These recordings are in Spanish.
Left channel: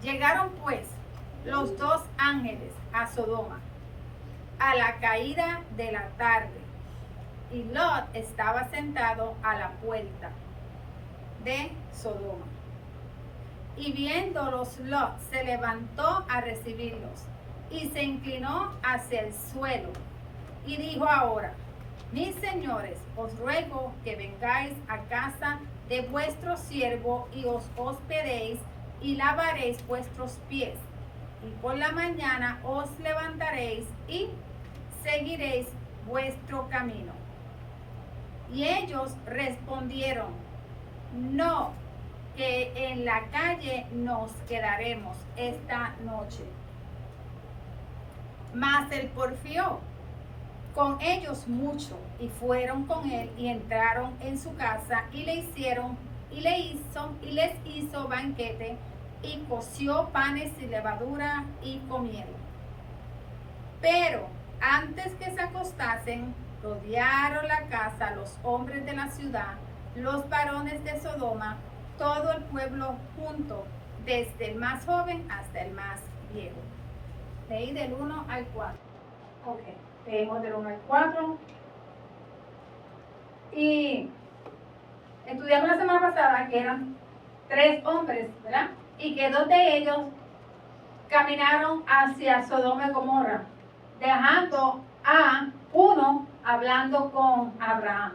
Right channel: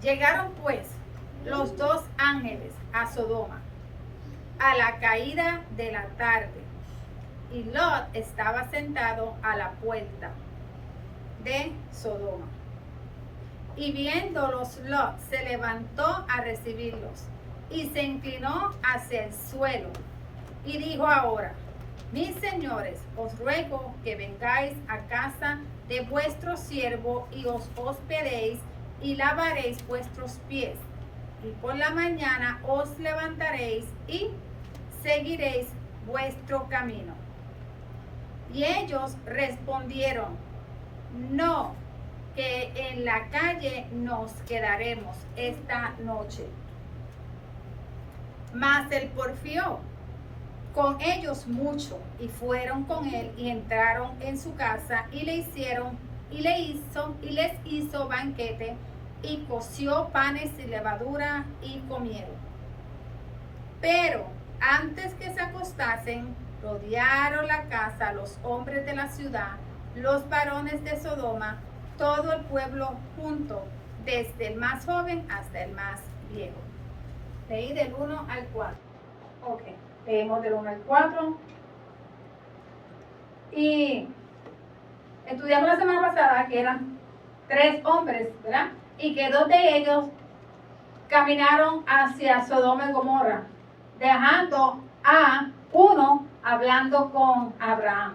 Llegaron pues los dos ángeles a Sodoma a la caída de la tarde, y Lot estaba sentado a la puerta de Sodoma. Y viéndolos, Lot se levantó a recibirlos y se inclinó hacia el suelo y dijo: ahora, mis señores, os ruego que vengáis a casa de vuestro siervo y os hospedéis y lavaréis vuestros pies, y por la mañana os levantaréis y seguiréis vuestro camino. Y ellos respondieron: no, que en la calle nos quedaremos esta noche. Mas él porfió con ellos mucho, y fueron con él y entraron en su casa y les hizo banquete, y coció panes y levadura y comieron. Pero antes que se acostasen, rodearon la casa los hombres de la ciudad, los varones de Sodoma, todo el pueblo junto, desde el más joven hasta el más viejo. Leí del 1 al 4. Ok, leímos del 1 al 4. Y estudiamos la semana pasada que eran 3 hombres, ¿verdad? Y que 2 de ellos caminaron hacia Sodoma y Gomorra, dejando a uno hablando con Abraham.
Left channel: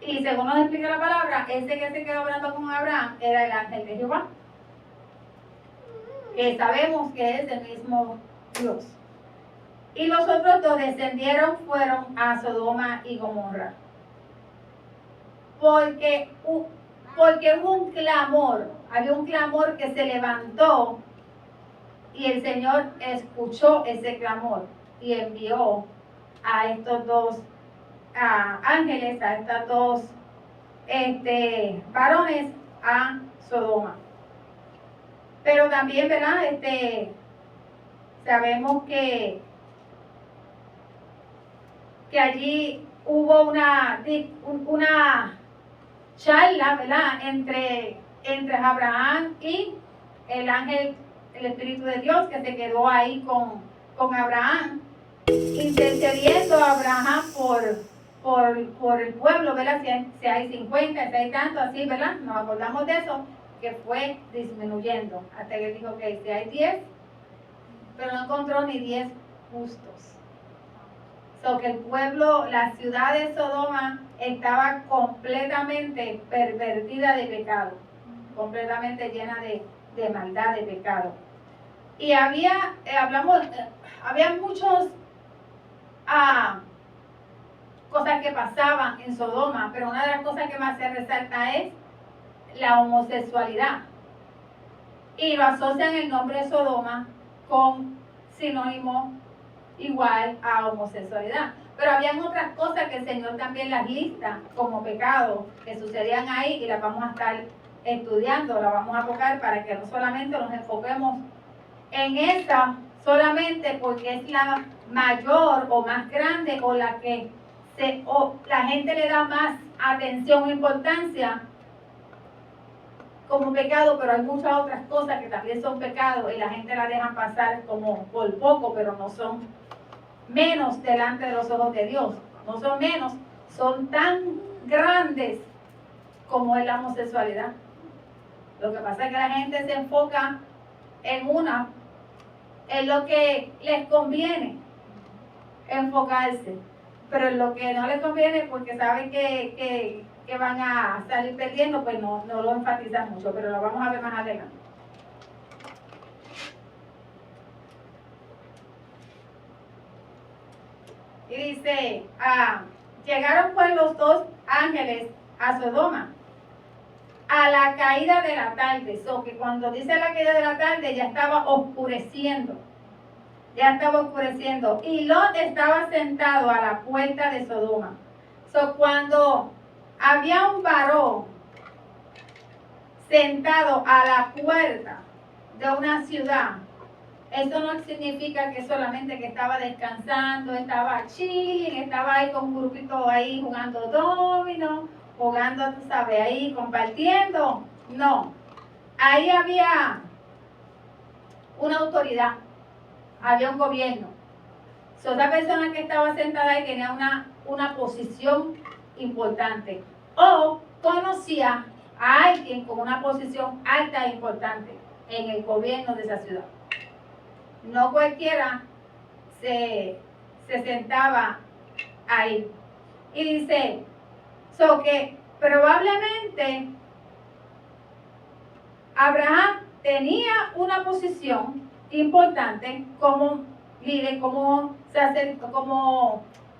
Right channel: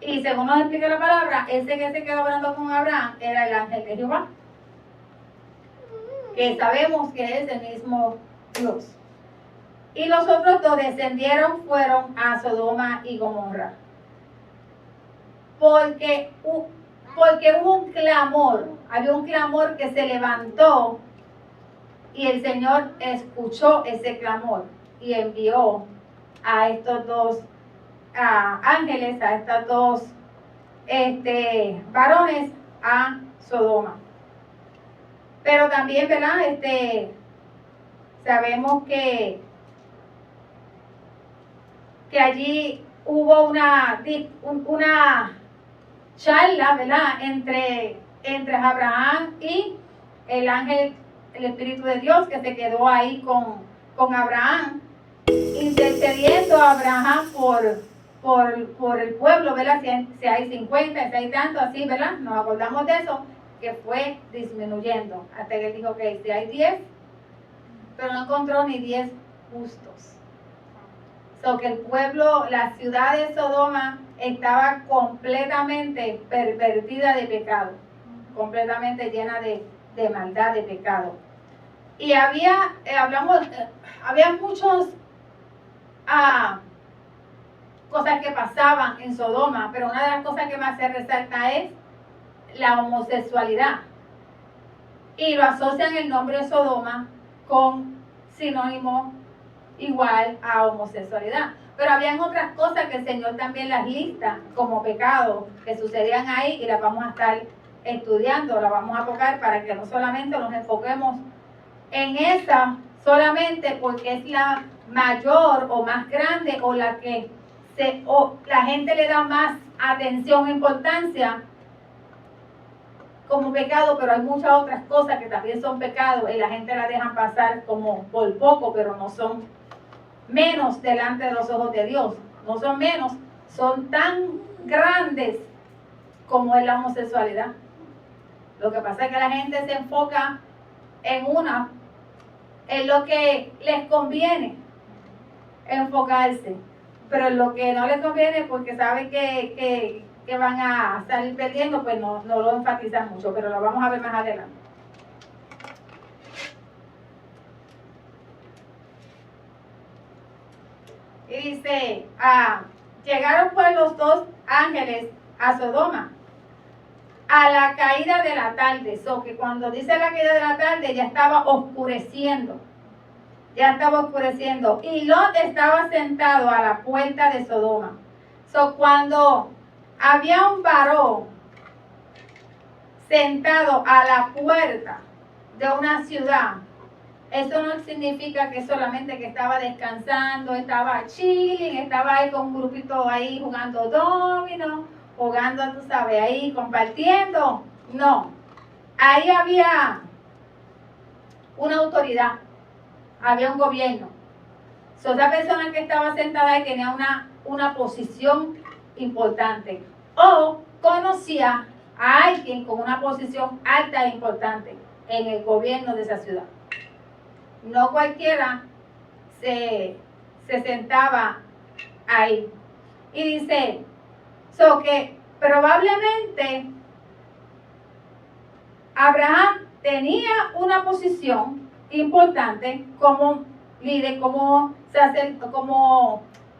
Y según nos explica la palabra, ese que se quedó hablando con Abraham era el ángel de Jehová, que sabemos que es el mismo Dios. Y los otros 2 descendieron, fueron a Sodoma y Gomorra. Porque hubo un clamor, había un clamor que se levantó, y el Señor escuchó ese clamor y envió a estos 2 ángeles, a estos 2 varones a Sodoma. Pero también, ¿verdad? Sabemos que allí hubo una charla, ¿verdad? Entre Abraham y el ángel, el Espíritu de Dios, que se quedó ahí con Abraham, intercediendo a Abraham por el pueblo, ¿verdad? Si hay 50, si hay tanto, así, ¿verdad? Nos acordamos de eso, que fue disminuyendo, hasta que dijo que si hay 10, pero no encontró ni 10 justos. Que el pueblo, la ciudad de Sodoma estaba completamente pervertida de pecado, completamente llena de maldad, de pecado. Y había muchos cosas que pasaban en Sodoma, pero una de las cosas que más se resalta es la homosexualidad. Y lo asocian el nombre de Sodoma con sinónimo igual a homosexualidad. Pero habían otras cosas que el Señor también las lista como pecados que sucedían ahí, y las vamos a estar estudiando, las vamos a tocar para que no solamente nos enfoquemos en esta solamente porque es la mayor o más grande, o la que la gente le da más atención e importancia como pecado, pero hay muchas otras cosas que también son pecados y la gente la dejan pasar como por poco, pero no son menos delante de los ojos de Dios. No son menos, son tan grandes como es la homosexualidad. Lo que pasa es que la gente se enfoca en lo que les conviene enfocarse, pero en lo que no les conviene, porque saben que van a salir perdiendo, pues no lo enfatizan mucho, pero lo vamos a ver más adelante. Y dice, llegaron pues los 2 ángeles a Sodoma a la caída de la tarde. Que cuando dice la caída de la tarde ya estaba oscureciendo. Y Lot estaba sentado a la puerta de Sodoma. Cuando había un varón sentado a la puerta de una ciudad, eso no significa que solamente que estaba descansando, estaba chilling, estaba ahí con un grupito ahí jugando domino, jugando, tú sabes, ahí compartiendo. No, ahí había una autoridad, había un gobierno. So, esa persona que estaba sentada ahí tenía una posición importante o conocía a alguien con una posición alta e importante en el gobierno de esa ciudad. No cualquiera se sentaba ahí. Y dice, que probablemente Abraham tenía una posición importante como líder, como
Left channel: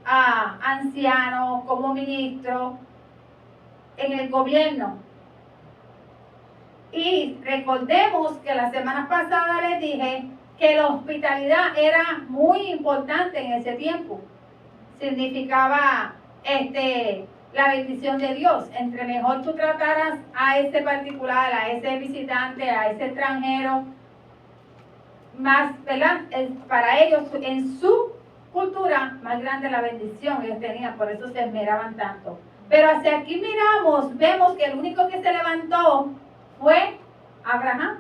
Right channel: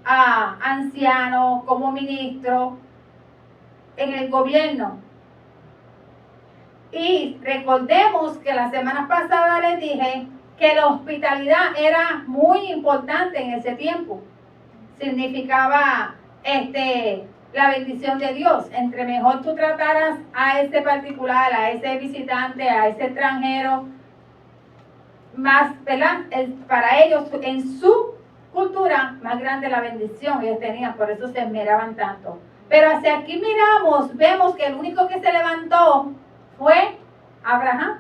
anciano, como ministro en el gobierno. Y recordemos que la semana pasada les dije que la hospitalidad era muy importante en ese tiempo. Significaba la bendición de Dios. Entre mejor tú trataras a ese particular, a ese visitante, a ese extranjero, más, ¿verdad? Para ellos, en su cultura, más grande la bendición que ellos tenían, por eso se esmeraban tanto. Pero hacia aquí vemos que el único que se levantó fue Abraham.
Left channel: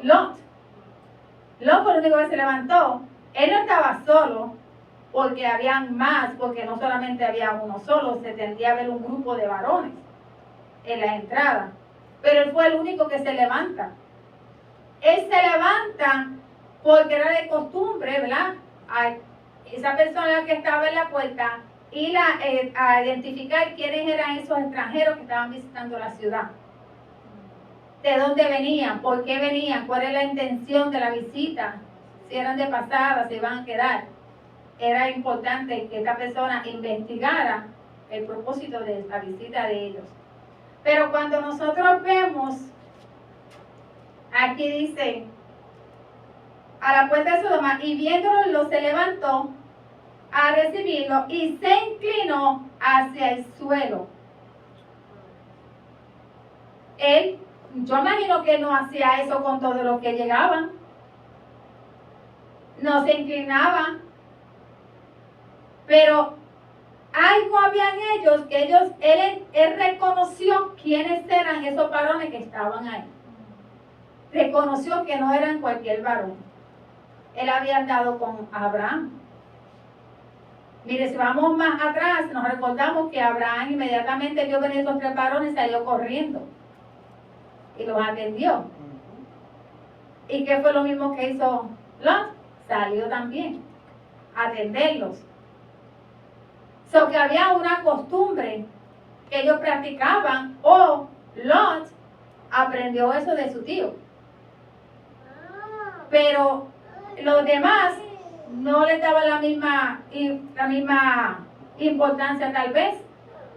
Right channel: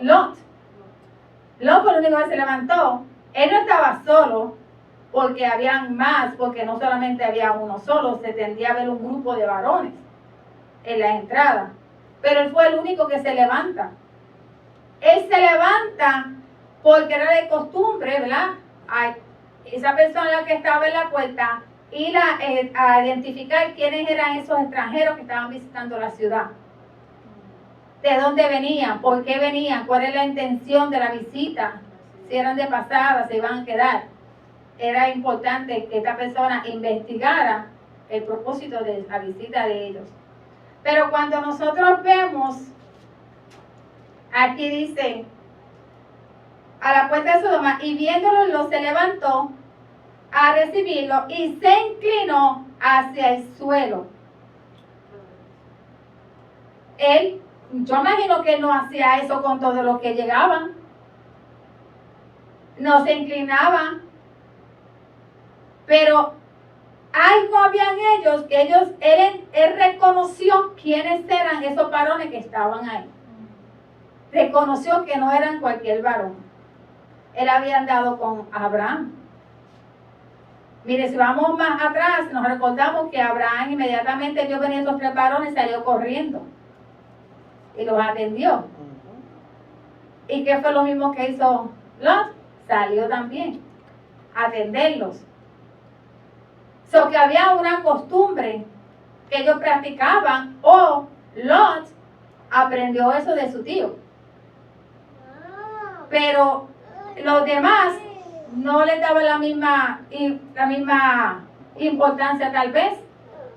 Lot. Lot fue el único que se levantó. Él no estaba solo, porque habían más, porque no solamente había uno solo, se tendía a ver un grupo de varones en la entrada. Pero él fue el único que se levanta. Él se levanta porque era de costumbre, ¿verdad? A esa persona que estaba en la puerta, ir a identificar quiénes eran esos extranjeros que estaban visitando la ciudad. ¿De dónde venían? ¿Por qué venían? ¿Cuál es la intención de la visita? Si eran de pasada, se iban a quedar. Era importante que esta persona investigara el propósito de la visita de ellos. Pero cuando nosotros vemos, aquí dice, a la puerta de Sodoma, y viéndolo, se levantó a recibirlo y se inclinó hacia el suelo. Yo imagino que él no hacía eso con todos los que llegaban. No se inclinaba. Pero algo había en ellos que él reconoció quiénes eran esos varones que estaban ahí. Reconoció que no eran cualquier varón. Él había andado con Abraham. Mire, si vamos más atrás, nos recordamos que Abraham inmediatamente vio venir estos 3 varones, salió corriendo y los atendió. ¿Y qué fue lo mismo que hizo Lot? Salió también a atenderlos. Que había una costumbre que ellos practicaban, o Lot aprendió eso de su tío. Pero los demás no les daban la misma importancia tal vez,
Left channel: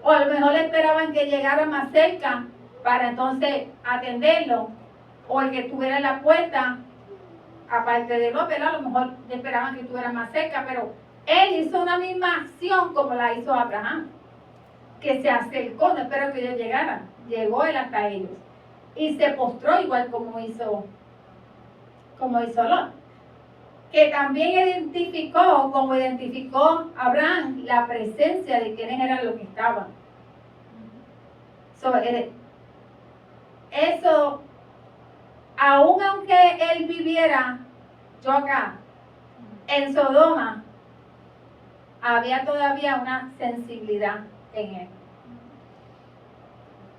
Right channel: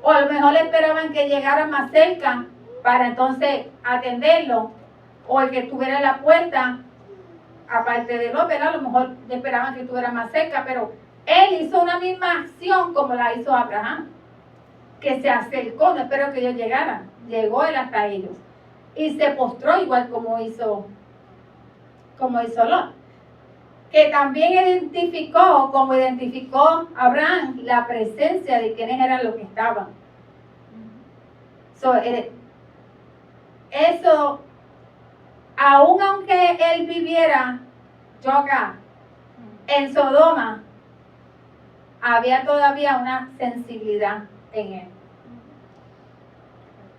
o a lo mejor esperaban que llegara más cerca para entonces atenderlo, o el que estuviera en la puerta, aparte de Lot, a lo mejor esperaban que estuviera más cerca, pero él hizo una misma acción como la hizo Abraham, que se acercó, no espero que ellos llegaran, llegó él hasta ellos y se postró igual como hizo Lot, que también identificó, como identificó Abraham, la presencia de quienes eran los que estaban. Eso, aun aunque él viviera en Sodoma, había todavía una sensibilidad en él.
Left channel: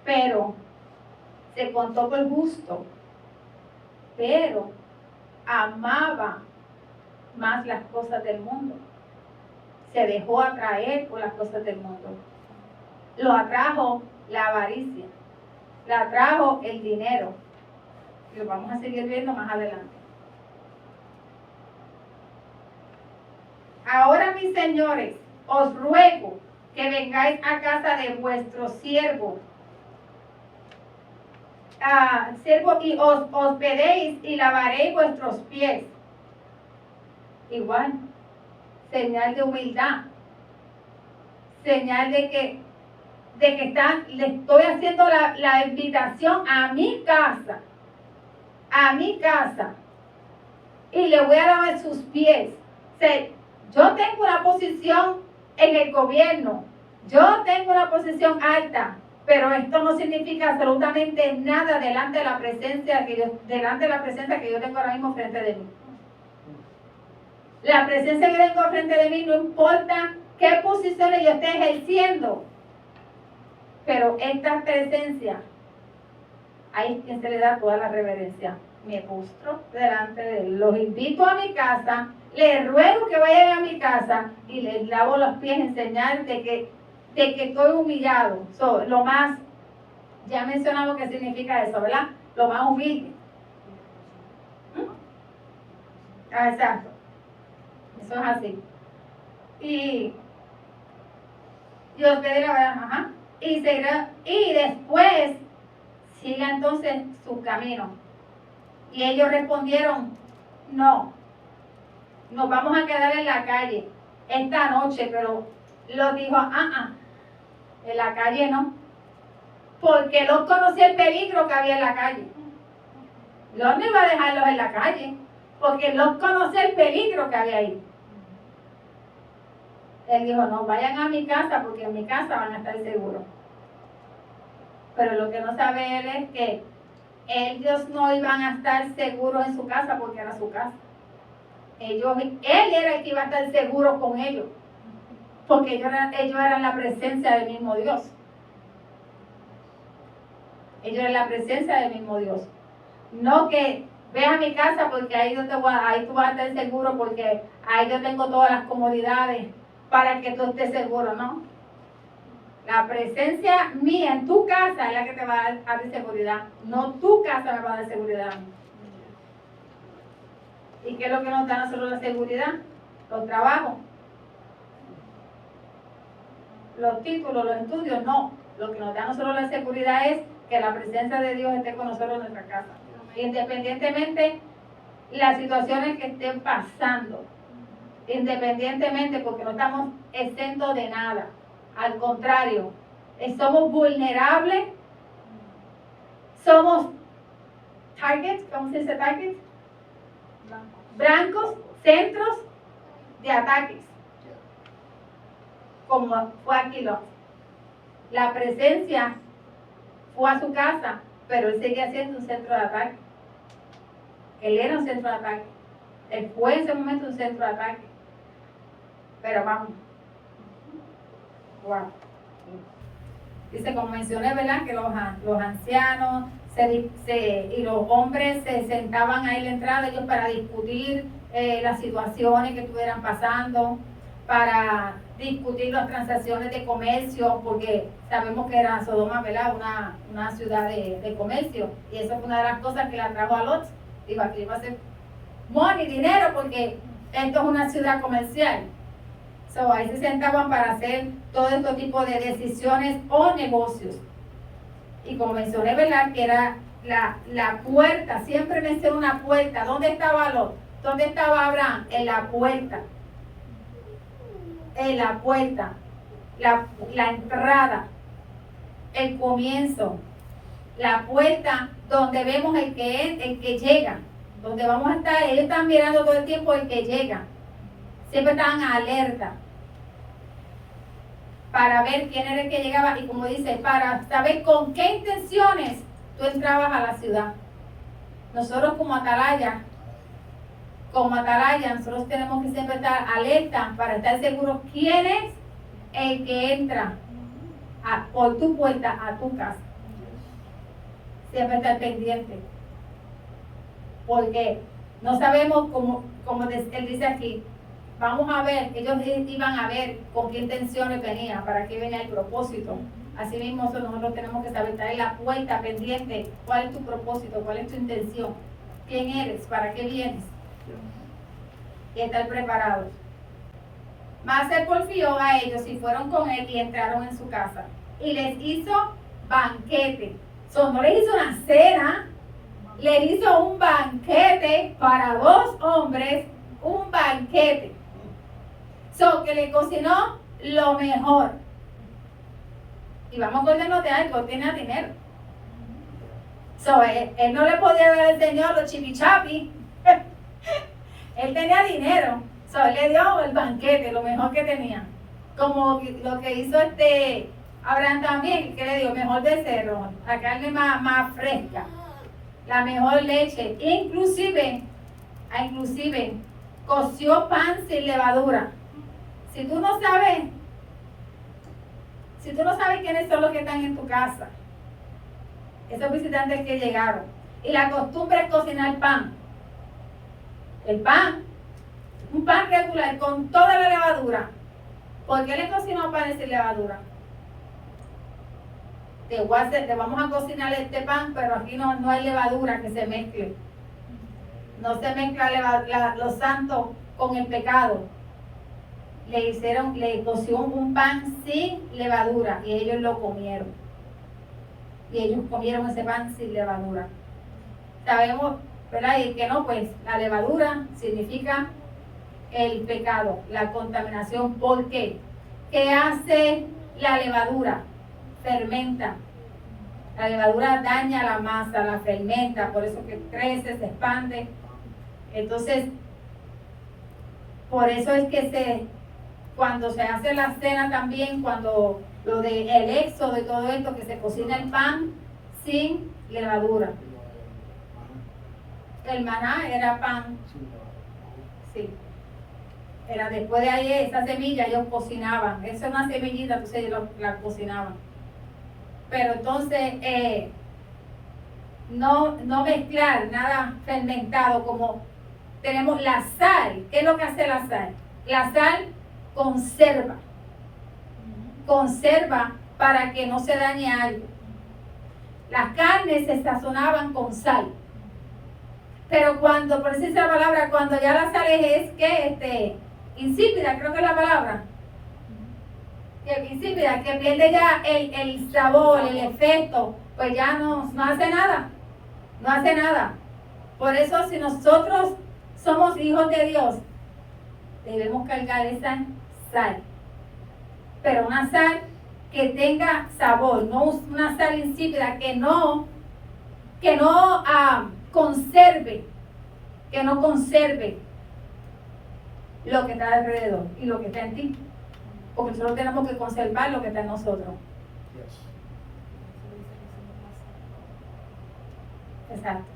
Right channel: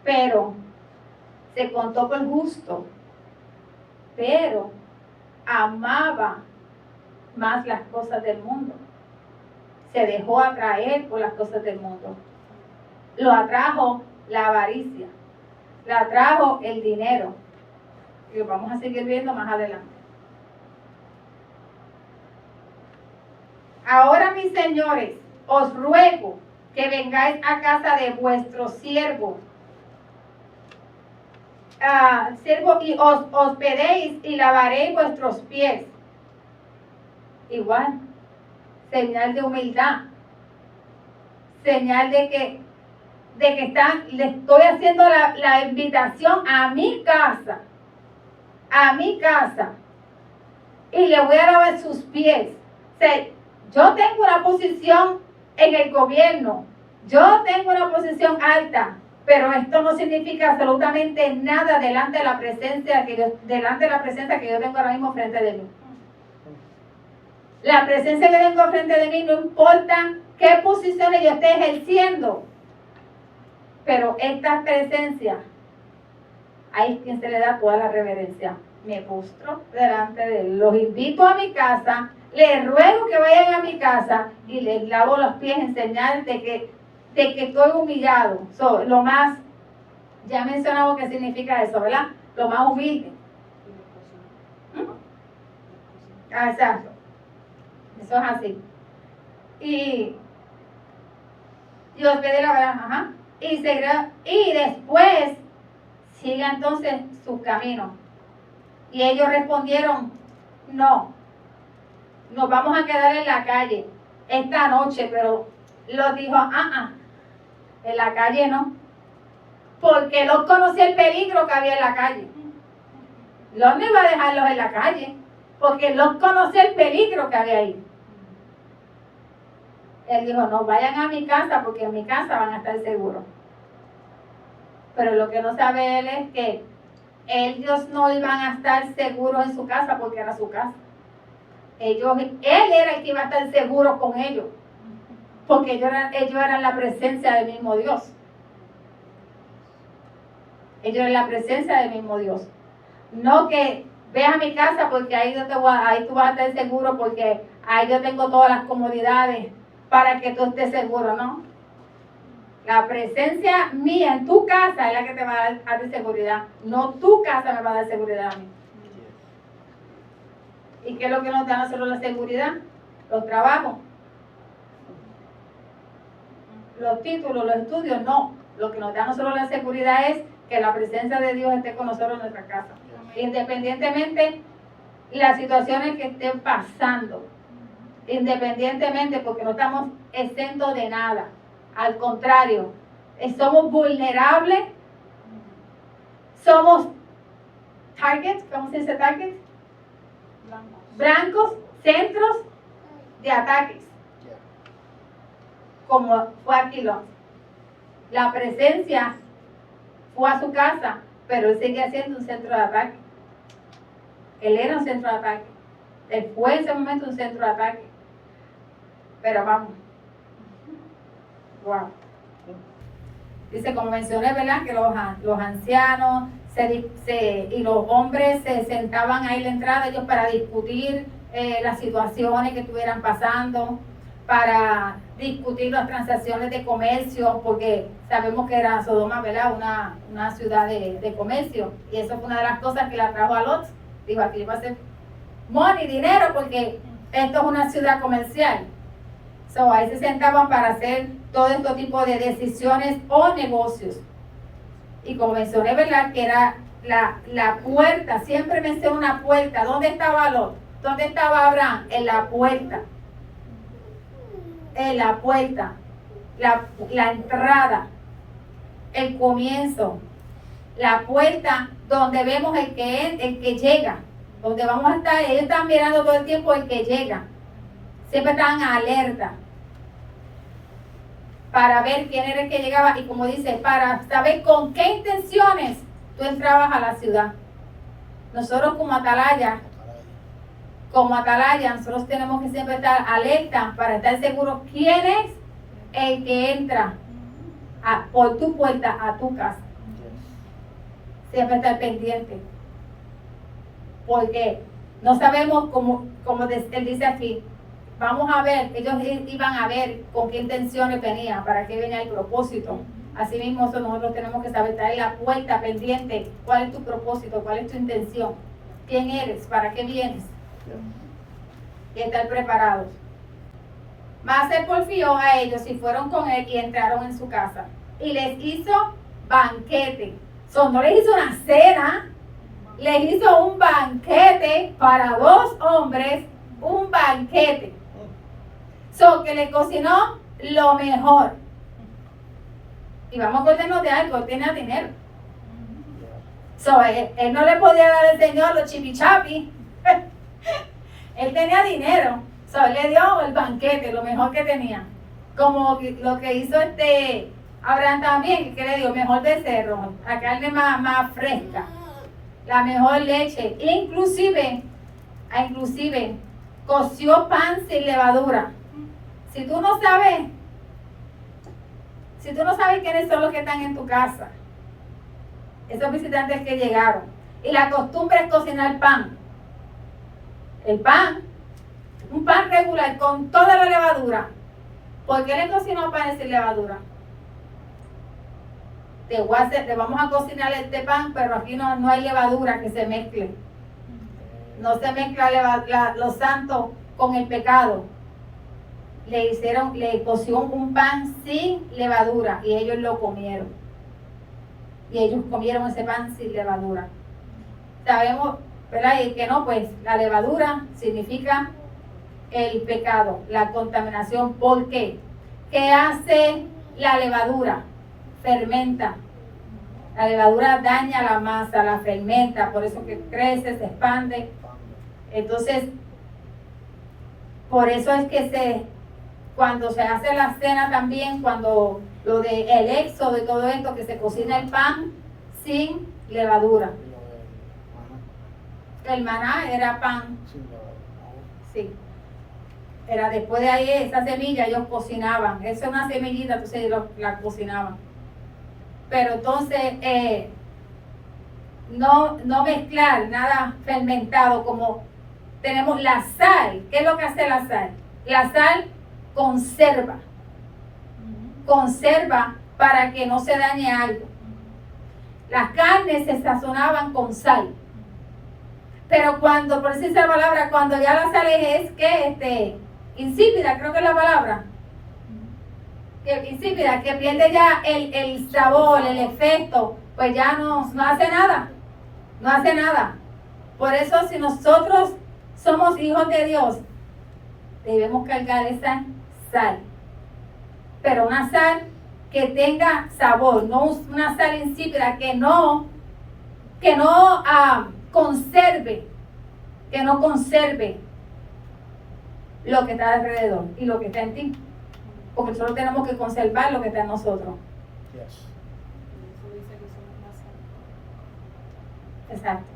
Pero se contó por justo, pero amaba más las cosas del mundo. Se dejó atraer por las cosas del mundo. Lo atrajo la avaricia, lo atrajo el dinero. Y lo vamos a seguir viendo más adelante. Ahora, mis señores, os ruego que vengáis a casa de vuestro siervo, y os hospedéis y lavaréis vuestros pies. Igual, señal de humildad, señal de que le estoy haciendo la invitación a mi casa, y le voy a lavar sus pies. Yo tengo una posición en el gobierno, yo tengo una posición alta, Pero esto no significa absolutamente nada delante de la presencia que yo tengo ahora mismo frente de mí. La presencia que tengo frente de mí no importa qué posiciones yo esté ejerciendo. Pero esta presencia, ahí es quien se le da toda la reverencia. Me postro delante de él. Los invito a mi casa, les ruego que vayan a mi casa y les lavo los pies en señal de que estoy humillado. Lo más, ya mencionamos qué significa eso, ¿verdad? Lo más humilde. Exacto. Eso es así. Y os pedí la verdad, ajá. Y después siga entonces su camino. Y ellos respondieron, no, nos vamos a quedar en la calle esta noche, pero los dijo, en la calle no, porque Lot conocía el peligro que había en la calle. Lot no iba a dejarlos en la calle, porque Lot conocía el peligro que había ahí. Él dijo, no, vayan a mi casa, porque en mi casa van a estar seguros. Pero lo que no sabe él es que ellos no iban a estar seguros en su casa, porque era su casa. Él era el que iba a estar seguro con ellos, porque ellos eran la presencia del mismo Dios. Ellos eran la presencia del mismo Dios. No que ve a mi casa porque ahí tú vas a estar seguro, porque ahí yo tengo todas las comodidades para que tú estés seguro, ¿no? La presencia mía en tu casa es la que te va a dar seguridad. No tu casa me va a dar seguridad a mí. ¿Y qué es lo que nos da a nosotros la seguridad? Los trabajos, los títulos, los estudios, no. Lo que nos da a nosotros la seguridad es que la presencia de Dios esté con nosotros en nuestra casa. Independientemente las situaciones que estén pasando. Independientemente, porque no estamos exentos de nada. Al contrario, somos vulnerables. Somos targets, ¿cómo se dice targets? Blancos, centros de ataques. Como fue aquí Lot. La presencia fue a su casa, pero él seguía siendo un centro de ataque. Él era un centro de ataque. Él fue en ese momento un centro de ataque. Pero vamos. Wow. Dice, como mencioné, ¿verdad? Que los ancianos y los hombres se sentaban ahí en la entrada ellos para discutir las situaciones que estuvieran pasando, para discutir las transacciones de comercio, porque sabemos que era Sodoma, ¿verdad? Una ciudad de comercio, y eso fue una de las cosas que la trajo a Lot. Digo, aquí va a ser money, dinero, porque esto es una ciudad comercial. Ahí se sentaban para hacer todo este tipo de decisiones o negocios. Y como mencioné, ¿verdad? Que era la puerta, siempre menciono una puerta. ¿Dónde estaba Lot? ¿Dónde estaba Abraham? En la puerta. En la puerta. La entrada. El comienzo. La puerta donde vemos el que llega. Donde vamos a estar, ellos están mirando todo el tiempo el que llega. Siempre estaban alerta para ver quién era el que llegaba, y como dice, para saber con qué intenciones tú entrabas a la ciudad. Nosotros como atalaya, nosotros tenemos que siempre estar alerta para estar seguros quién es el que entra por tu puerta a tu casa. Siempre estar pendiente, porque no sabemos, como él dice aquí, vamos a ver, ellos iban a ver con qué intenciones venían, para qué venía el propósito. Así mismo nosotros tenemos que saber, estar en la puerta pendiente, cuál es tu propósito, cuál es tu intención, quién eres, para qué vienes, y estar preparados. Mas él porfió a ellos y fueron con él y entraron en su casa y les hizo banquete. No les hizo una cena, les hizo un banquete para 2 hombres, un banquete. Que le cocinó lo mejor. Y vamos a acordarnos de algo, él tenía dinero. Él no le podía dar al Señor los chipichapi. Él tenía dinero. Él le dio el banquete, lo mejor que tenía. Como lo que hizo Ahora también, ¿qué le digo? Mejor becerro, la carne más fresca, la mejor leche, inclusive coció pan sin levadura. Si tú no sabes quiénes son los que están en tu casa, esos visitantes que llegaron, y la costumbre es cocinar pan, el pan, un pan regular con toda la levadura. ¿Por qué le cocinó panes sin levadura? Te vamos a cocinar este pan, pero aquí no hay levadura que se mezcle. No se mezcla lo santo con el pecado. Le coció un pan sin levadura y ellos lo comieron. Y ellos comieron ese pan sin levadura. Sabemos, ¿verdad? Y que no, pues la levadura significa el pecado, la contaminación. ¿Por qué? ¿Qué hace la levadura? Fermenta. La levadura daña la masa, la fermenta, por eso que crece, se expande. Entonces, por eso es que cuando se hace la cena también, cuando lo de el éxodo de todo esto, que se cocina el pan sin levadura. El maná era pan. Sí. Era después de ahí, esa semilla ellos cocinaban. Esa es una semillita, entonces la cocinaban. Pero entonces, no mezclar nada fermentado, como tenemos la sal. ¿Qué es lo que hace la sal? La sal conserva para que no se dañe algo. Las carnes se sazonaban con sal, pero cuando, por decir esa palabra, cuando ya la sal es que insípida, creo que es la palabra, que insípida, que pierde ya el sabor, el efecto, pues ya no hace nada, no hace nada. Por eso, si nosotros somos hijos de Dios, debemos cargar esa sal, pero una sal que tenga sabor, no una sal insípida, que no conserve lo que está alrededor y lo que está en ti, porque nosotros tenemos que conservar lo que está en nosotros. Yes. Exacto.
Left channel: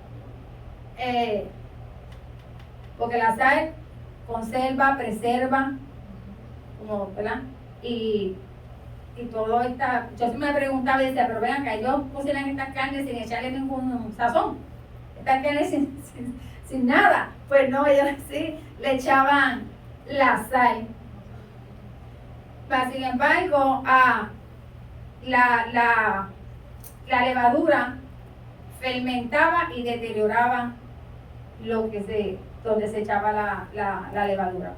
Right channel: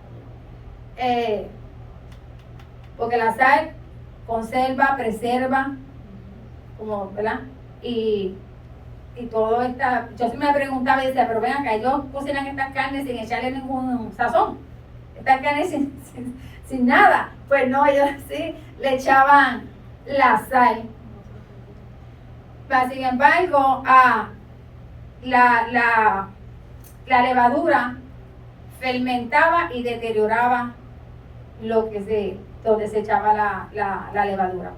Porque la sal conserva, preserva, como, ¿verdad? Y todo está. Yo siempre me preguntaba y decía, pero ven acá, ellos cocinan estas carnes sin echarle ningún sazón, estas carnes sin nada. Pues no, ellos sí le echaban la sal. Pero, sin embargo, la levadura fermentaba y deterioraba donde se echaba la levadura.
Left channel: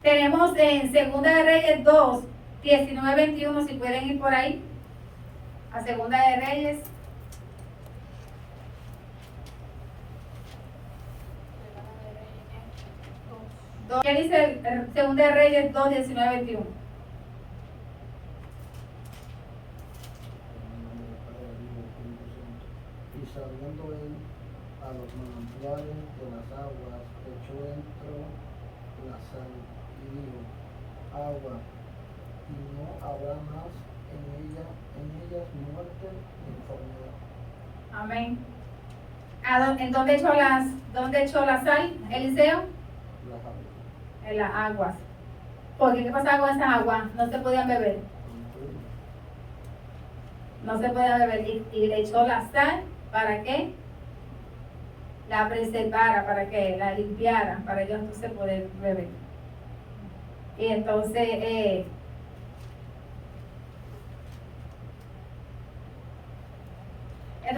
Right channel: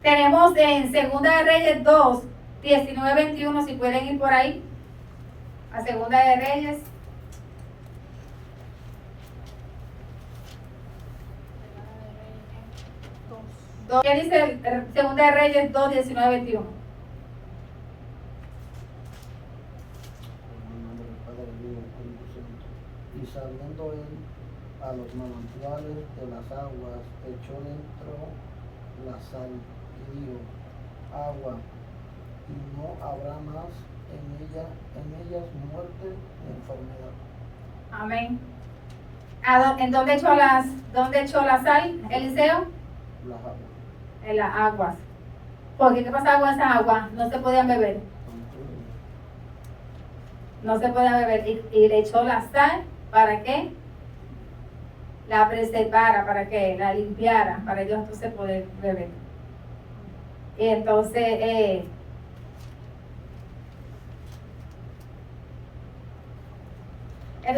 Tenemos en Segunda de Reyes 2, 19-21, si pueden ir por ahí, a Segunda de Reyes. ¿Qué dice Segunda de Reyes 2, 19-21? Y saliendo él a los manantiales de las aguas, echó dentro la sal y dijo: agua, y no habrá más en ellas muerte ni enfermedad. Amén. ¿En dónde echó la sal, Eliseo? Las aguas. En las aguas. Porque ¿qué pasaba con esas aguas? No se podían beber. No se podían beber. Y le echó la sal, ¿para qué? La preservara, para que la limpiara, para ellos entonces poder beber. Y entonces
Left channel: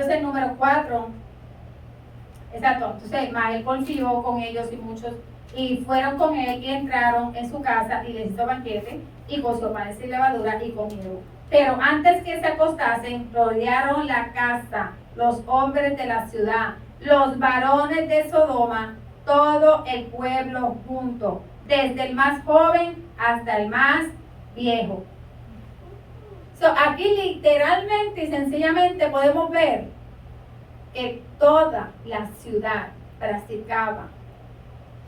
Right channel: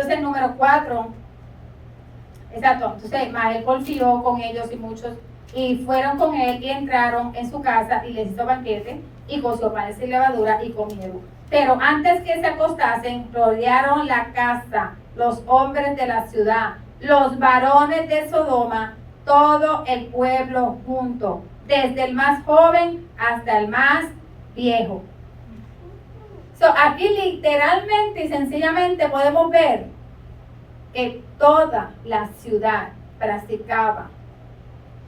el número 4, exacto, entonces Ismael confió con ellos y muchos, y fueron con él y entraron en su casa y les hizo banquete y coció panes sin levadura y comieron. Pero antes que se acostasen, rodearon la casa los hombres de la ciudad, los varones de Sodoma, todo el pueblo junto, desde el más joven hasta el más viejo. Aquí literalmente y sencillamente podemos ver que toda la ciudad practicaba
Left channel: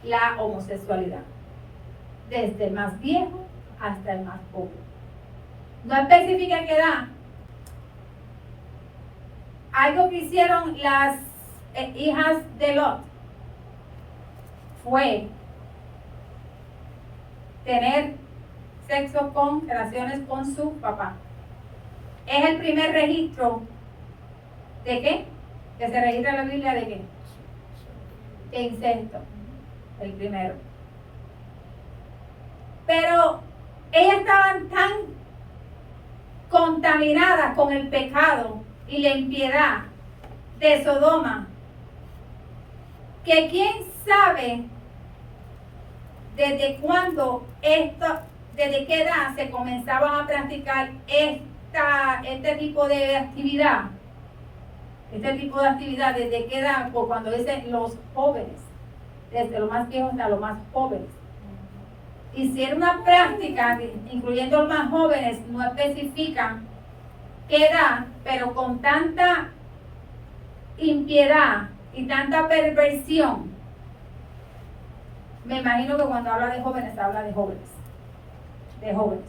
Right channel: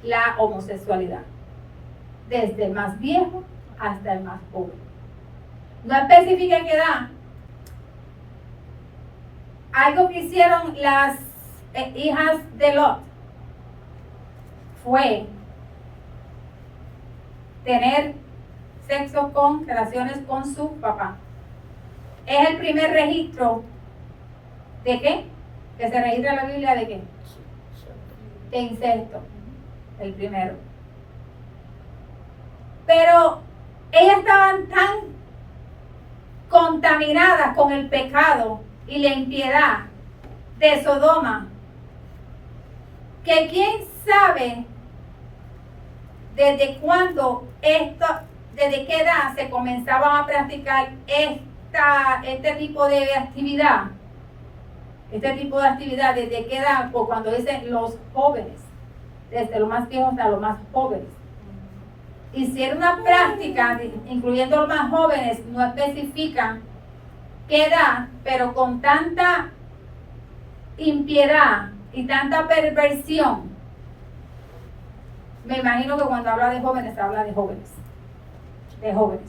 la homosexualidad, desde el más viejo hasta el más joven. no especifica en qué edad. Algo que hicieron las hijas de Lot fue tener sexo con, relaciones con su papá. Es el primer registro ¿de qué? Que se registra en la Biblia ¿de qué? De incesto, el primero. Pero ellas estaban tan contaminadas con el pecado y la impiedad de Sodoma, que quién sabe desde cuándo desde qué edad se comenzaban a practicar este tipo de actividad. Este tipo de actividad, desde qué edad, por cuando dicen los jóvenes, desde los más viejos a los más jóvenes. Y si era una práctica, incluyendo los más jóvenes, no especifican qué edad, pero con tanta impiedad y tanta perversión, me imagino que cuando habla de jóvenes, habla de jóvenes. De jóvenes.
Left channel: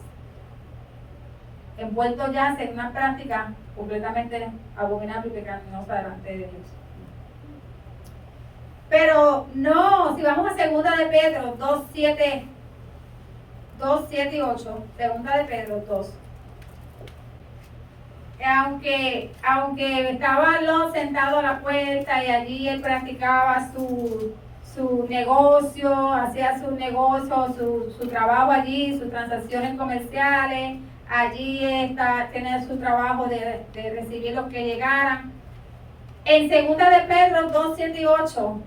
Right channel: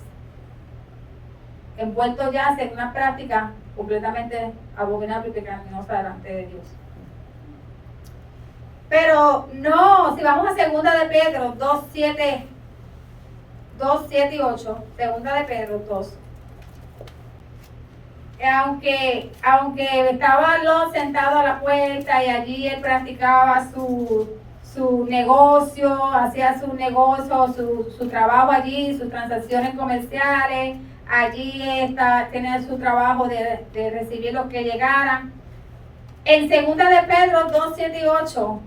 Envueltos ya en una práctica completamente abominable y pecaminosa delante de Dios. Pero no, si vamos a 2 de Pedro 2, 7 y 8, 2 de Pedro 2. Aunque estaba Lot sentado a la puerta y allí él practicaba su negocio, hacía su negocio, su trabajo allí, sus transacciones comerciales, allí tenía su trabajo de recibir los que llegaran. En 2 de Pedro 2, 7 y 8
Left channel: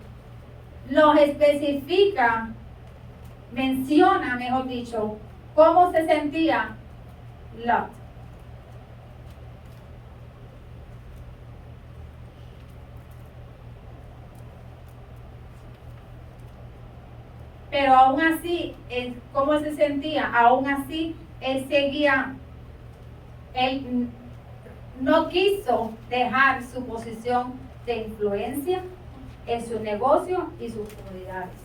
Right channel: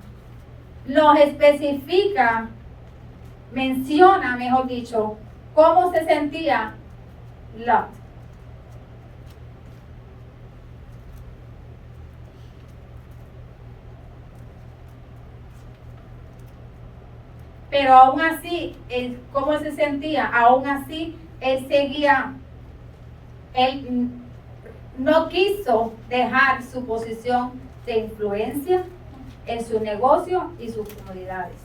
nos especifica, menciona, mejor dicho, cómo se sentía Lot. Pero aún así, cómo él se sentía, aún así, él seguía, él no quiso dejar su posición de influencia en su negocio y sus comunidades.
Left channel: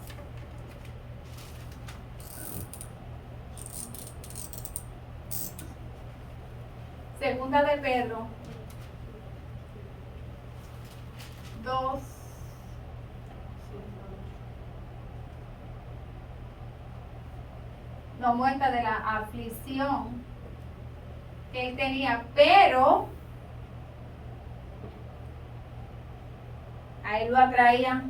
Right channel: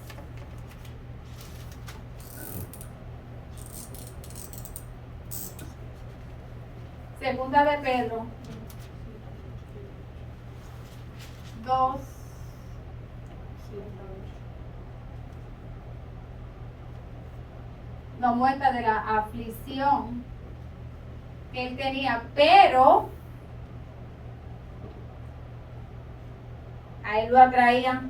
Segunda de Pedro 2. Nos muestra de la aflicción que él tenía, pero a él lo atraía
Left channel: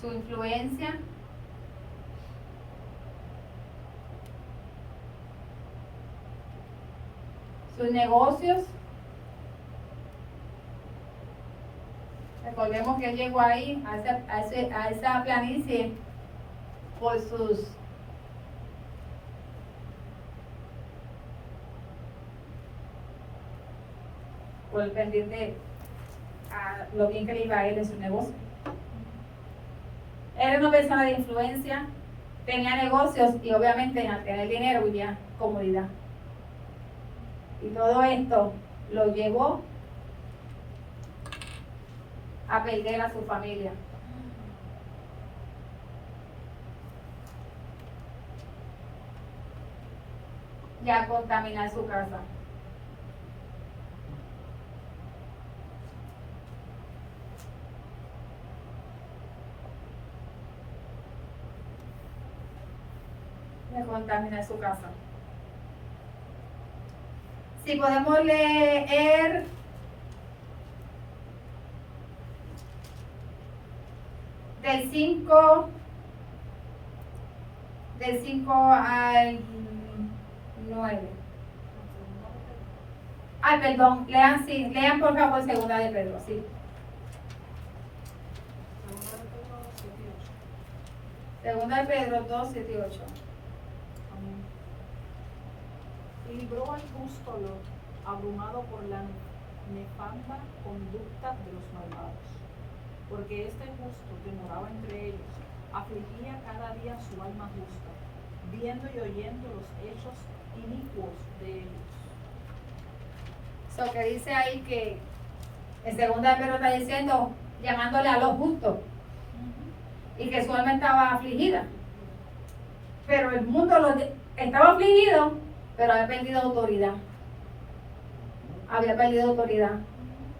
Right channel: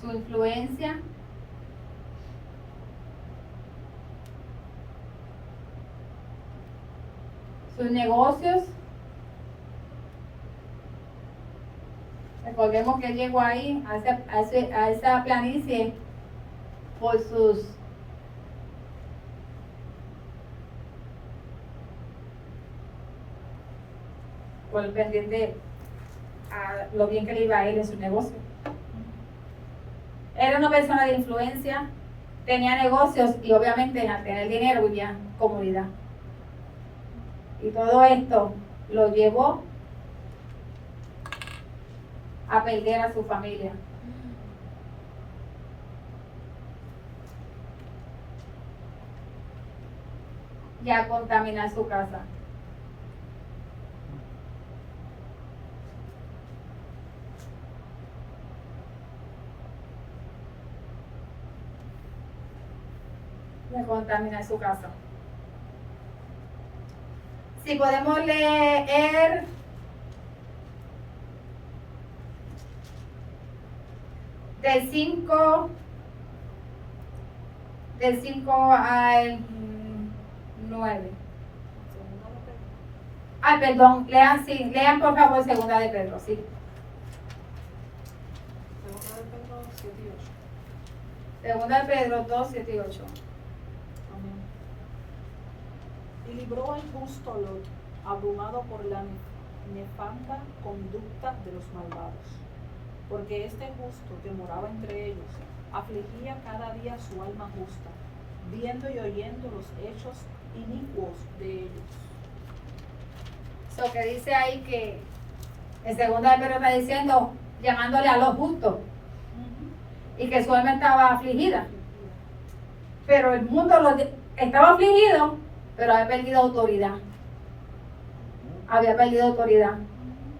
su influencia, sus negocios. Recordemos que él llegó ahí a esa planicie por el pendiente a lo bien que le iba a ir en su negocio. Era una persona de influencia, tenía negocios y obviamente al tener dinero vivía comodidad. Y todo esto lo llevó a perder a su familia. Y a contaminar su casa. De contaminar su casa. Si podemos leer del 5 al 9. Ay, perdón, lean por favor 2 de Pedro, sí. 2 de Pedro 2, 7 y 8. Libró el justo Lot, abrumado por la nefanda conducta de los malvados, porque este justo que moraba entre ellos afligía cada día su alma justa, viendo y oyendo los hechos inicuos de ellos. So que dice ahí que en 2 de Pedro está diciendo, llamándole a los justos, y que su alma estaba afligida, pero el mundo estaba afligido pero había perdido autoridad. Había perdido autoridad.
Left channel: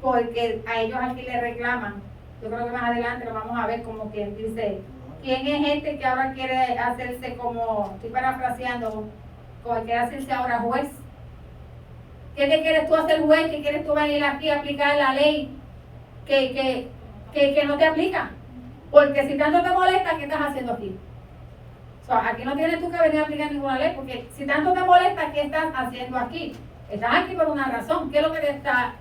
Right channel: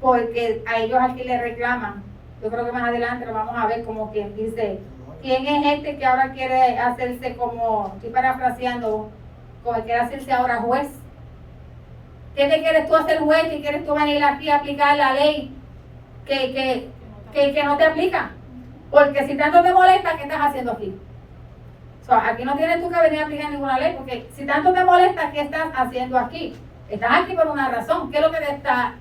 Porque a ellos aquí le reclaman. Yo creo que más adelante lo vamos a ver como quien dice, ¿quién es este que ahora quiere hacerse como, estoy parafraseando, como quiere hacerse ahora juez? ¿Qué te quieres tú hacer juez? ¿Qué quieres tú venir aquí a aplicar la ley que no te aplica? Porque si tanto te molesta, ¿qué estás haciendo aquí? O sea, aquí no tienes tú que venir a aplicar ninguna ley, porque si tanto te molesta, ¿qué estás haciendo aquí? Estás aquí por una razón. ¿Qué es lo que te está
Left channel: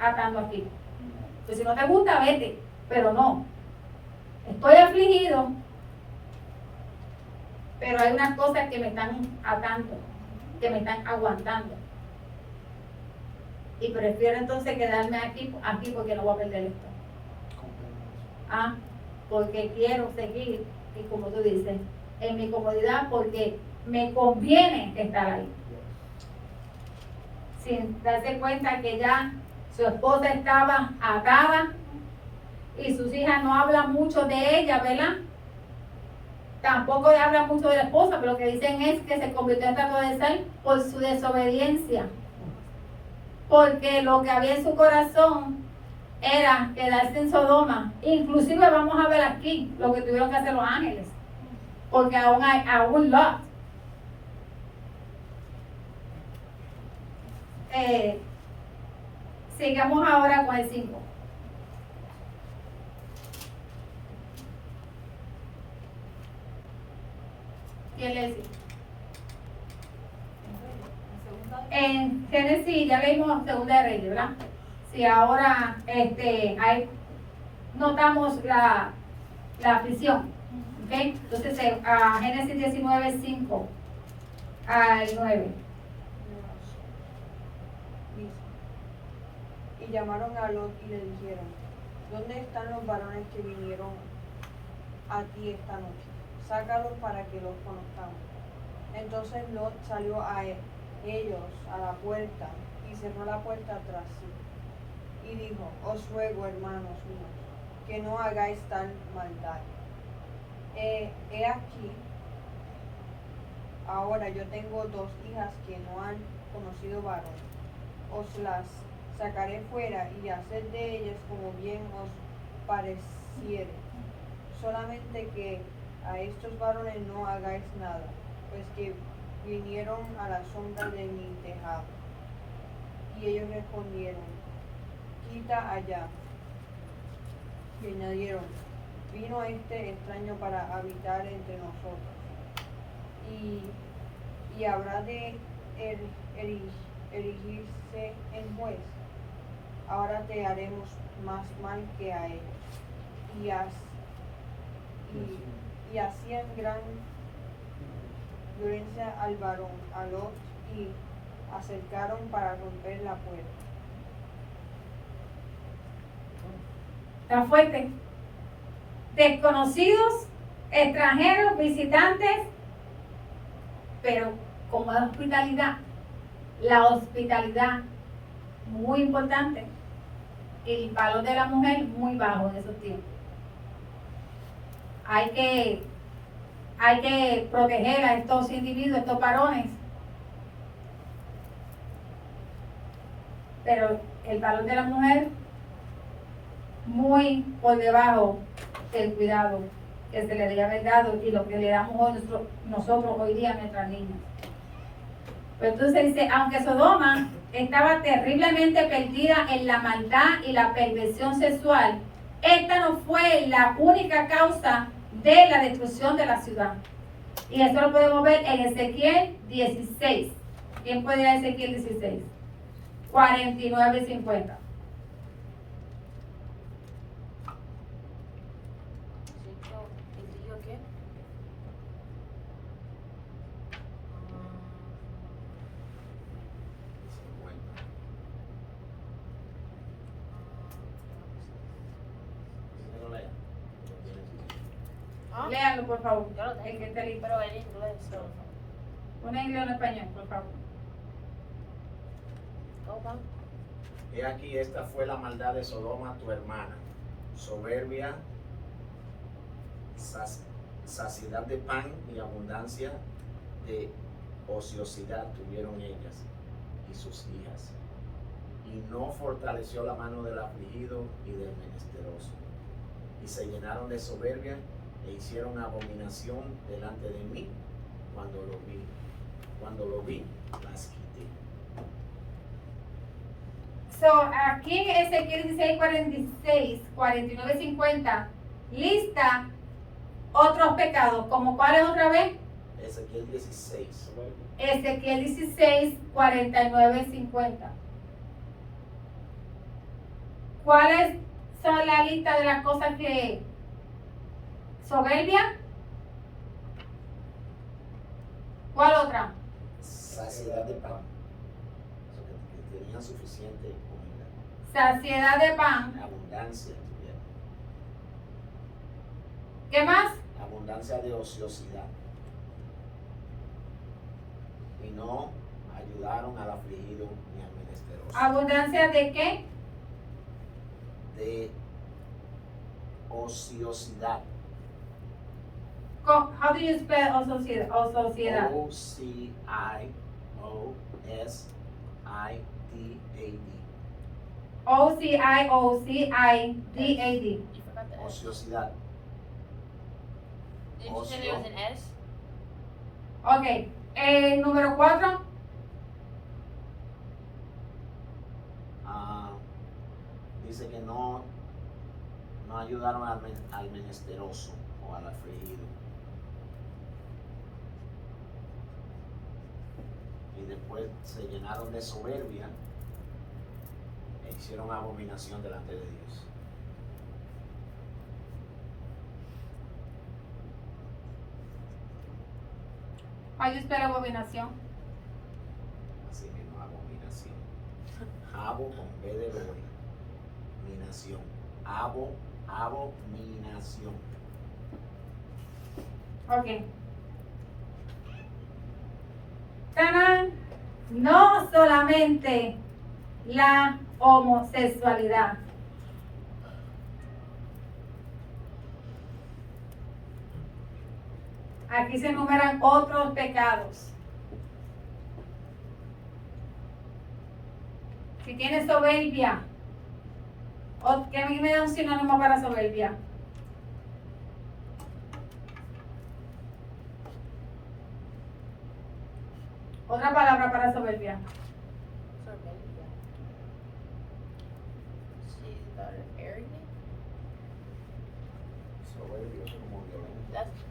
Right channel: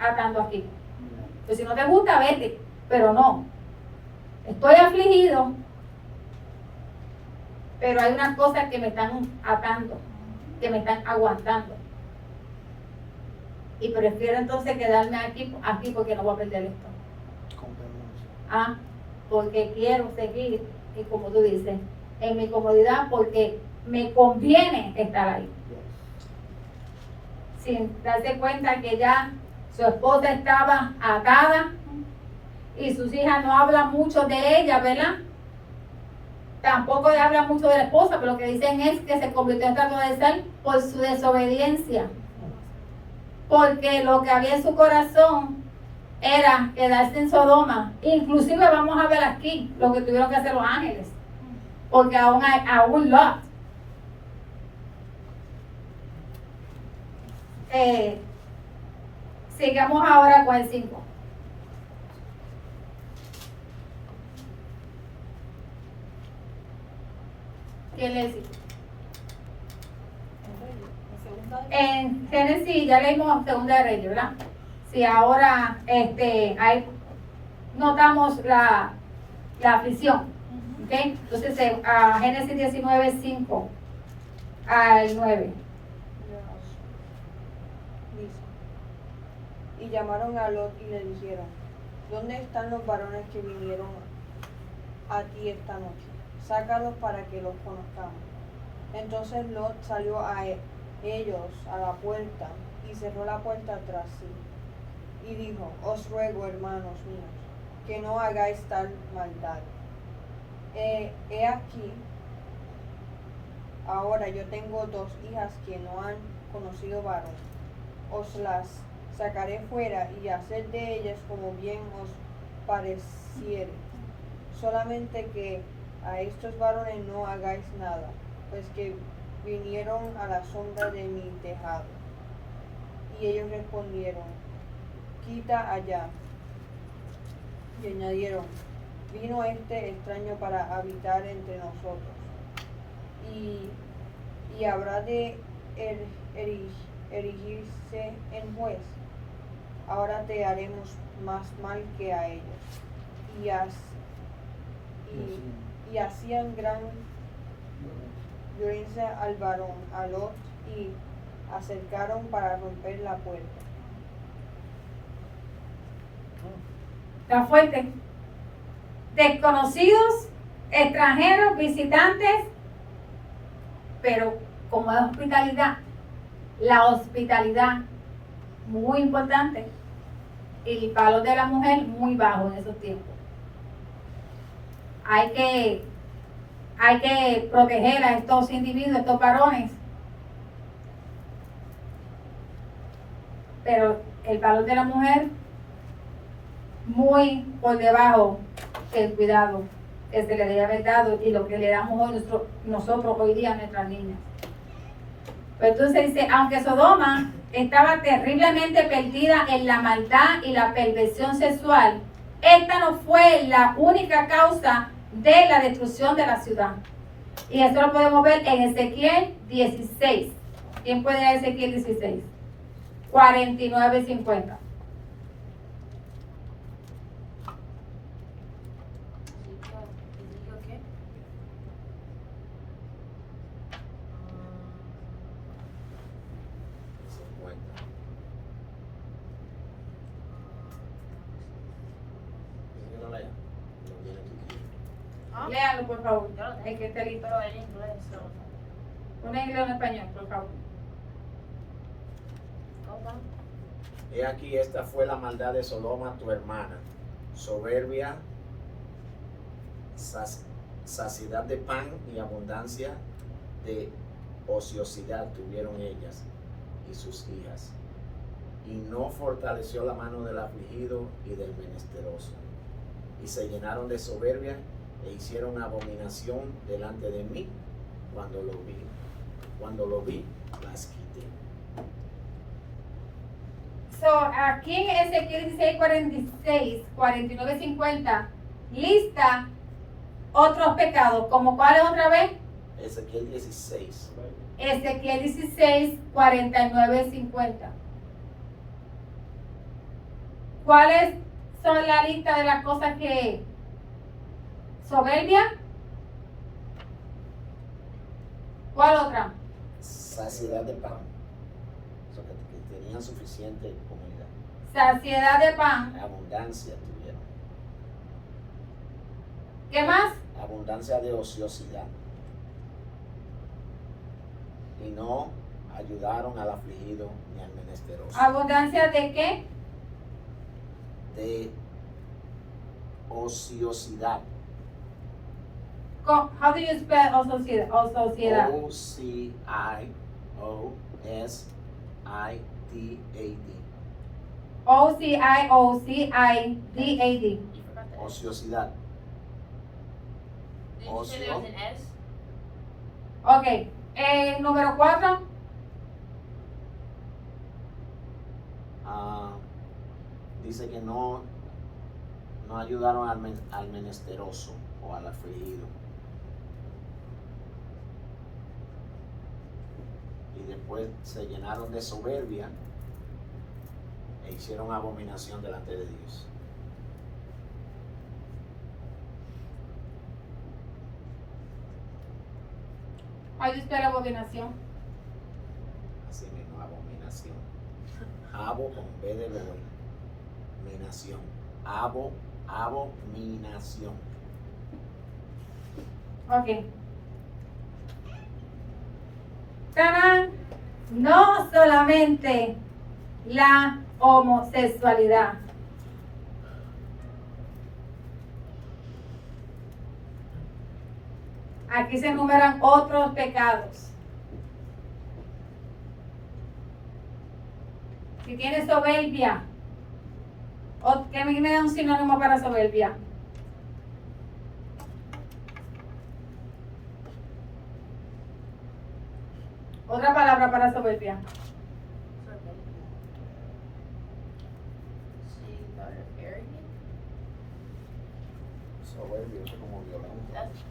atando aquí? Pues si no te gusta, vete. Pero no. Estoy afligido, pero hay unas cosas que me están atando, que me están aguantando. Y prefiero entonces quedarme aquí porque no voy a perder esto. Porque quiero seguir, y como tú dices, en mi comodidad, porque me conviene estar ahí. Sin darse cuenta que ya su esposa estaba atada y sus hijas no hablan mucho de ella, ¿verdad? Tampoco hablan mucho de la esposa, pero lo que dicen es que se convirtió en trato de sal por su desobediencia. Porque lo que había en su corazón era quedarse en Sodoma. Inclusive vamos a ver aquí lo que tuvieron que hacer los ángeles. Porque aún Lot. Sigamos ahora con el 5. ¿Quién le dice? En Génesis ya leímos Segunda de Reyes, ¿verdad? Si ahora ahí notamos la aflicción, ¿ok? Entonces Génesis 19, 5 al 9. Y llamaron a Lot y le dijeron, ¿dónde están los varones que vinieron a ti esta noche? Sácalos para que los conozcamos. Entonces Lot salió a ellos a la puerta y cerró la puerta tras sí. Y dijo, os ruego, hermanos míos, que no hagáis tal maldad. He aquí, ahora yo tengo 2 hijas que no han conocido varón. Os las sacaré fuera y haced de ellas como bien os pareciere. Solamente que a estos varones no hagáis nada, pues que vinieron a la sombra de mi tejado. Y ellos respondieron, quita allá. Y añadieron, vino este extraño para habitar entre nosotros. Y habrá de erigirse en juez. Ahora te haremos más mal que a ellos. Y hacían gran violencia al varón, a Lot, y acercaron para romper la puerta. Tan fuerte. Desconocidos, extranjeros, visitantes, pero como es hospitalidad, la hospitalidad muy importante y el valor de la mujer muy bajo en esos tiempos. Hay que proteger a estos individuos, estos varones, pero el valor de la mujer muy por debajo del cuidado que se le debe haber dado y lo que le damos hoy nosotros hoy día a nuestras niñas. Pero entonces dice, aunque Sodoma estaba terriblemente perdida en la maldad y la perversión sexual, esta no fue la única causa de la destrucción de la ciudad. Y eso lo podemos ver en Ezequiel 16. ¿Quién puede ir a Ezequiel 16? 49 y 50. Léanlo, por favor. Yo lo tengo, El que esté listo. pero en inglés solo. Un inglés o en español, por favor. ¿Cómo? He aquí, esta fue la maldad de Sodoma, tu hermana, soberbia, saciedad de pan y abundancia de ociosidad tuvieron ellas y sus hijas, y no fortaleció la mano del afligido y del menesteroso, y se llenaron de soberbia e hicieron abominación delante de mí cuando lo vi, las quité. So, aquí en Ezequiel 16, 46, 49, 50, lista otros pecados, ¿como cuáles otra vez? Ezequiel 16. Ezequiel 16, 49, 50. ¿Cuáles son la lista de las cosas que? ¿Soberbia? ¿Cuál otra? Saciedad de pan. O sea, que tenían suficiente comida. Saciedad de pan. Abundancia tuvieron. ¿Qué más? Abundancia de ociosidad. Y no ayudaron al afligido ni al menesteroso. ¿Abundancia de qué? De ociosidad. How do you spell sociedad? Sociedad. O-C-I-O-S-I-D-A-D. O-C-I-O-C-I-D-A-D. Ociosidad. Didn't you say there was an S? Ok. Número 4. Dice que no ayudaron al menesteroso o al afligido. Y después se llenaron de soberbia e hicieron abominación delante de Dios. How do you spell abominación? Así mismo, abominación. Abo con B de lobo. Minación. Abominación. Ok. ¡Tarán! No solamente la homosexualidad. Aquí se enumeran otros pecados. Si tienes soberbia, ¿qué me da un sinónimo para soberbia? Otra palabra para soberbia. She's daughter of arrogant. Soberbio, eso como violento. That's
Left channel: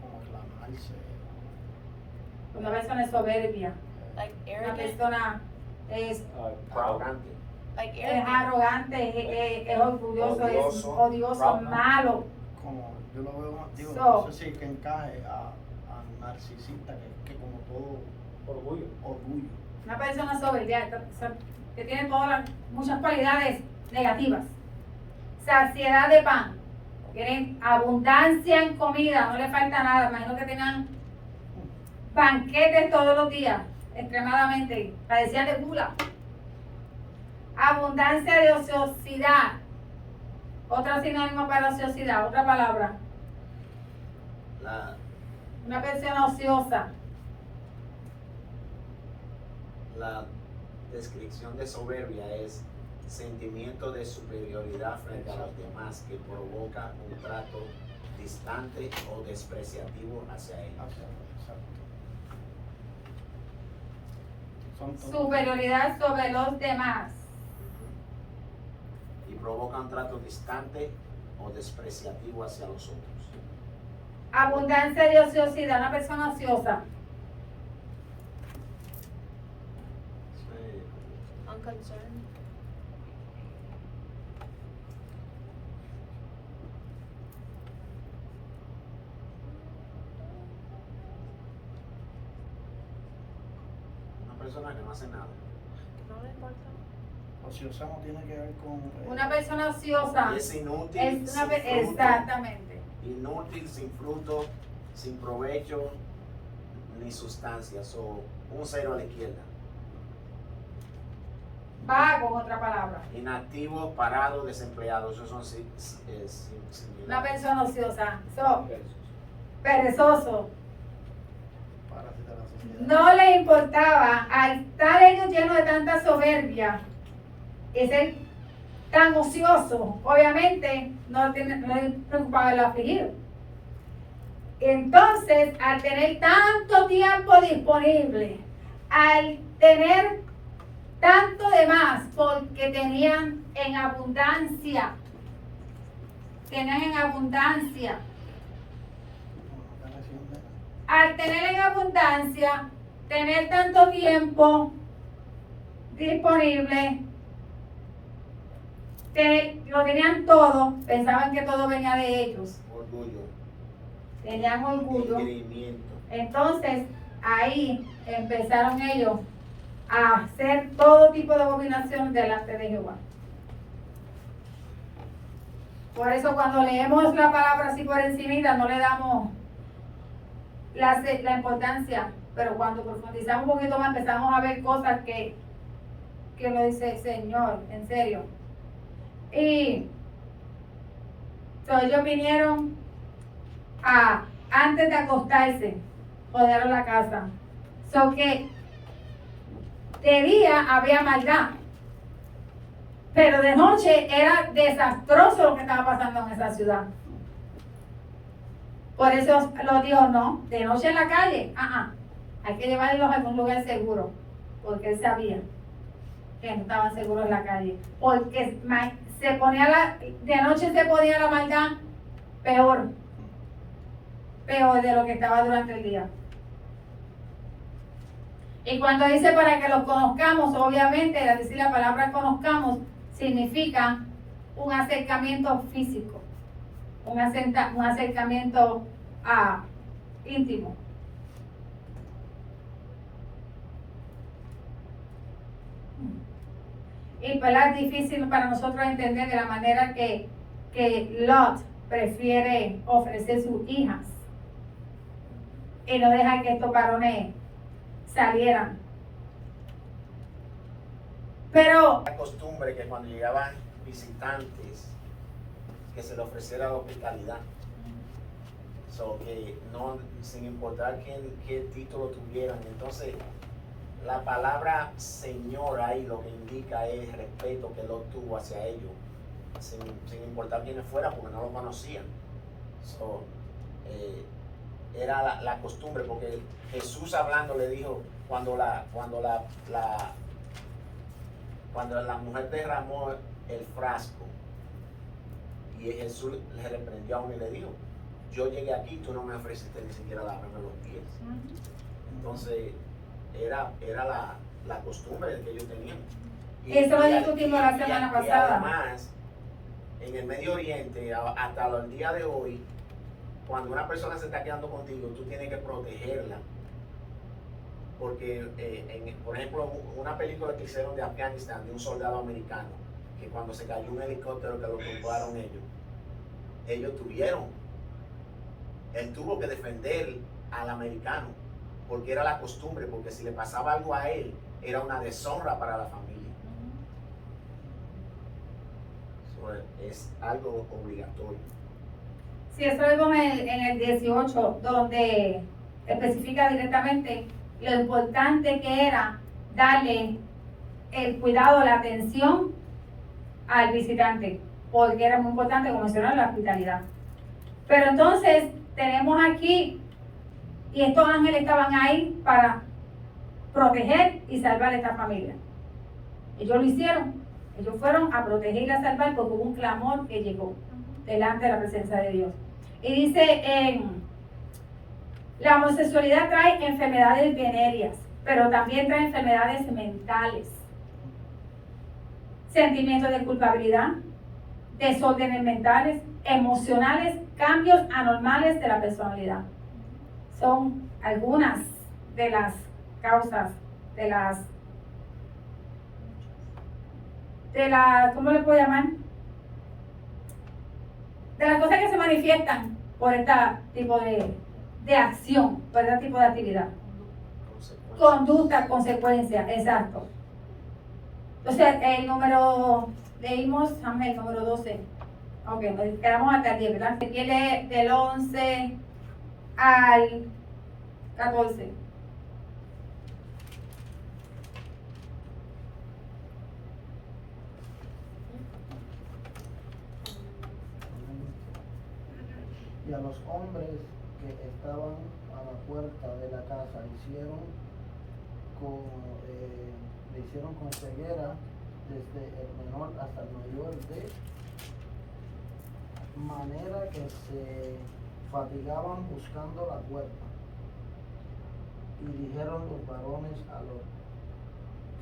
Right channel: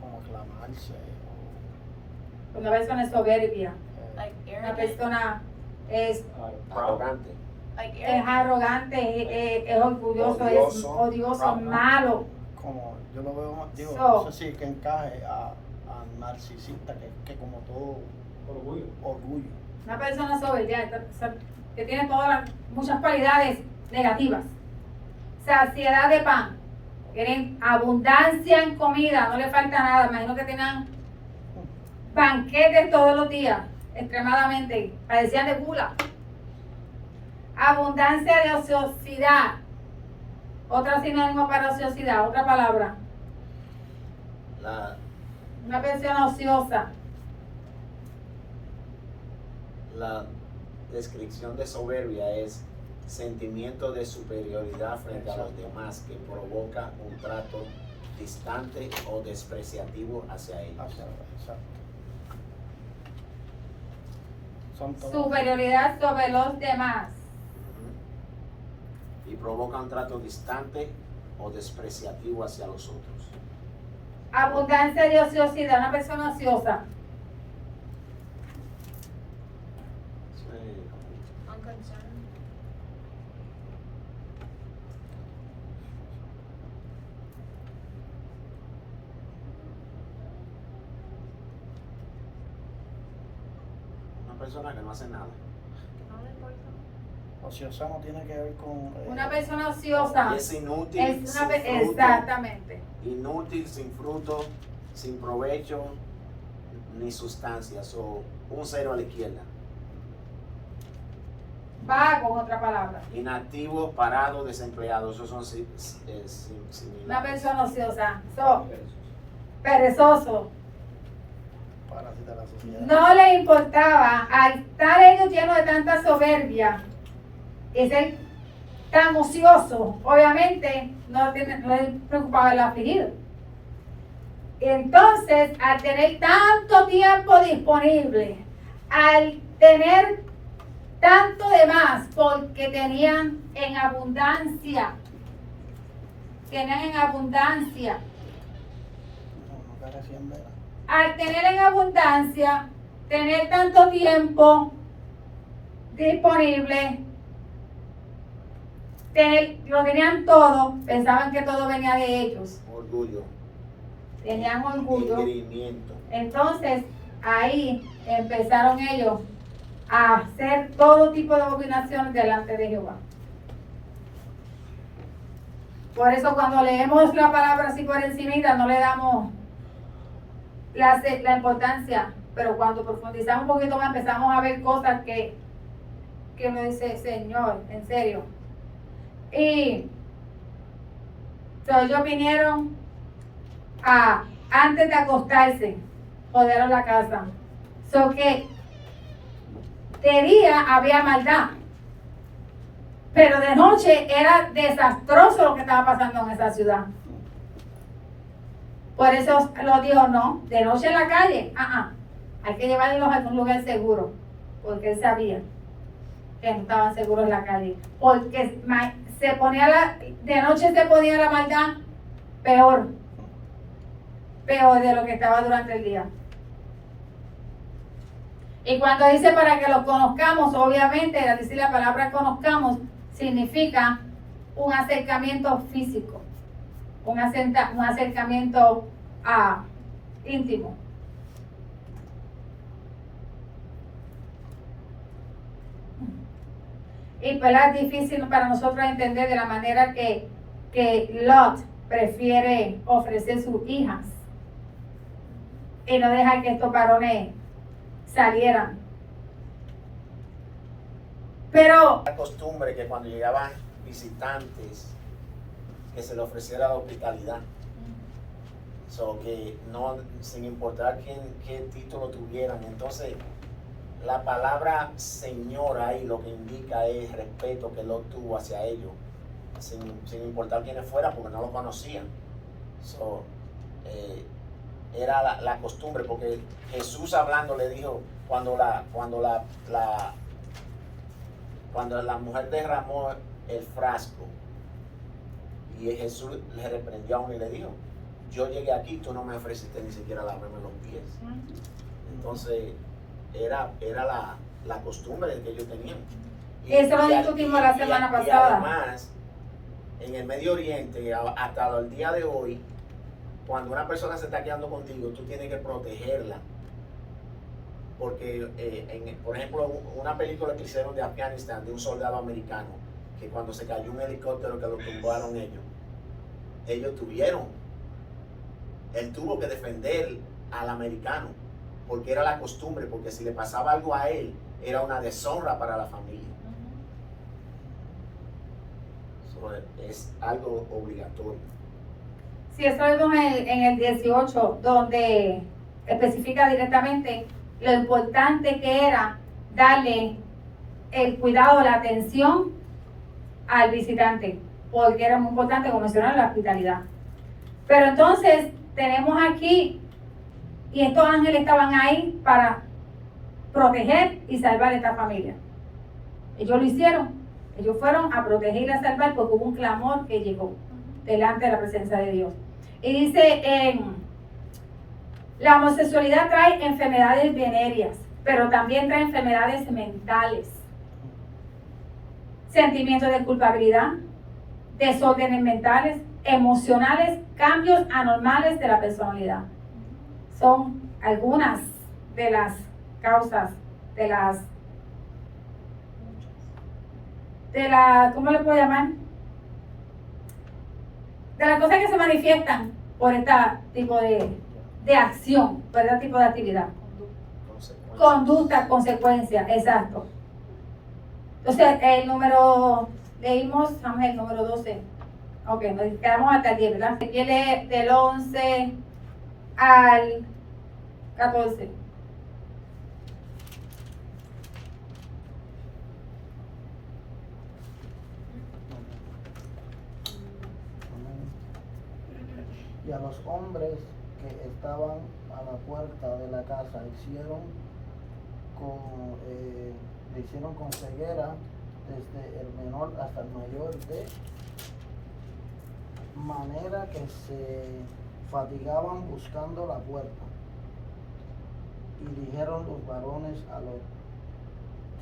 Como clamarse. Una persona es soberbia. like Una arrogant. persona es Arrogante. Like es arrogante, es orgulloso, es Odioso. odioso, es malo. Como yo lo veo, digo, So- no sé si que encaje a narcisista, que como todo orgullo. Una persona soberbia que tiene muchas cualidades negativas. Saciedad de pan. Tienen abundancia en comida, no le falta nada. Imagino que tengan banquetes todos los días, extremadamente. Padecían de gula. Abundancia de ociosidad. Otra sinónimo para ociosidad, otra palabra. Una persona ociosa. La descripción de soberbia es sentimiento de superioridad frente a los demás que provoca un trato distante o despreciativo hacia ellos. Exacto. Son todos- Superioridad sobre los demás. Ujú. Y provoca un trato distante o despreciativo hacia los otros. Abundancia de ociosidad, una persona ociosa. unconcerned. Una persona que no hace nada. No le importa. Ociosa no tiene que ver con. Una persona ociosa Y es inútil, es una sin fruto, exactamente. inútil, sin fruto, sin provecho ni sustancia. So, un cero a la izquierda. Vago, en otra palabra. Inactivo, parado, desempleado. Esos son similares. Una persona ociosa. So, perezoso. capacita a la sociedad. No le importaba, al estar ellos llenos de tanta soberbia y ser tan ocioso, obviamente no les preocupaba el afligido. Entonces, al tener tanto tiempo disponible, al tener tanto de más, porque tenían en abundancia, No, está haciendo. al tener en abundancia, tener tanto tiempo disponible, lo tenían todo, pensaban que todo venía de ellos, Orgullo. tenían orgullo. Engreimiento. Entonces ahí empezaron ellos a hacer todo tipo de abominaciones delante de Jehová. Por eso cuando leemos la palabra así por encima no le damos la importancia, pero cuando profundizamos un poquito más empezamos a ver cosas que uno dice, Señor, en serio. Y entonces ellos vinieron a, antes de acostarse, joderon la casa. So que de día había maldad, pero de noche era desastroso lo que estaba pasando en esa ciudad. Por eso los dijo, no, de noche en la calle, hay que llevarlos a algún lugar seguro, porque él sabía que no estaban seguros en la calle, porque de noche se ponía la maldad peor de lo que estaba durante el día. Y cuando dice para que lo conozcamos, obviamente, al decir la palabra conozcamos, significa un acercamiento físico, un acercamiento íntimo. Y pues es difícil para nosotros entender de la manera que Lot prefiere ofrecer sus hijas y no deja que estos varones salieran. Pero La costumbre que cuando llegaban visitantes que se le ofreciera la hospitalidad. So que no, sin importar qué título tuvieran. Entonces, la palabra Señor ahí lo que indica es el respeto que Lot tuvo hacia ellos, sin importar quiénes fueran, porque no lo conocían. So, era la costumbre, porque Jesús hablando le dijo, cuando la mujer derramó el frasco, y Jesús le reprendió a uno y le dijo, yo llegué aquí, tú no me ofreciste ni siquiera lavarme los pies. Entonces, era la costumbre que ellos tenían. Eso lo discutimos la semana pasada. Y además, en el Medio Oriente, hasta el día de hoy, cuando una persona se está quedando contigo, tú tienes que protegerla. Porque, por ejemplo, una película que hicieron de Afganistán, de un soldado americano, que cuando se cayó un helicóptero que lo tumbaron ellos él tuvo que defender al americano, porque era la costumbre, porque si le pasaba algo a él, era una deshonra para la familia. So, es algo obligatorio. Sí, eso vemos en el 18, donde especifica directamente lo importante que era darle el cuidado, la atención al visitante, porque era muy importante, como mencionaron, la hospitalidad. Pero entonces tenemos aquí, y estos ángeles estaban ahí para proteger y salvar a esta familia. Ellos lo hicieron, ellos fueron a proteger y a salvar porque hubo un clamor que llegó delante de la presencia de Dios. Y dice, la homosexualidad trae enfermedades venéreas, pero también trae enfermedades mentales, sentimientos de culpabilidad, desórdenes mentales, emocionales, cambios anormales de la personalidad. Son algunas de las causas ¿cómo le puedo llamar? De las cosas que se manifiestan por este tipo de acción, por este tipo de actividad. Conducta, consecuencia, exacto. Entonces, vamos el número 12. Ok, nos quedamos hasta el 10, ¿verdad? Aquí lee del 11 al 14. a los hombres que estaban a la puerta de la casa le hicieron con ceguera desde el menor hasta el mayor, de manera que se fatigaban buscando la puerta. Y dijeron los varones a Lot:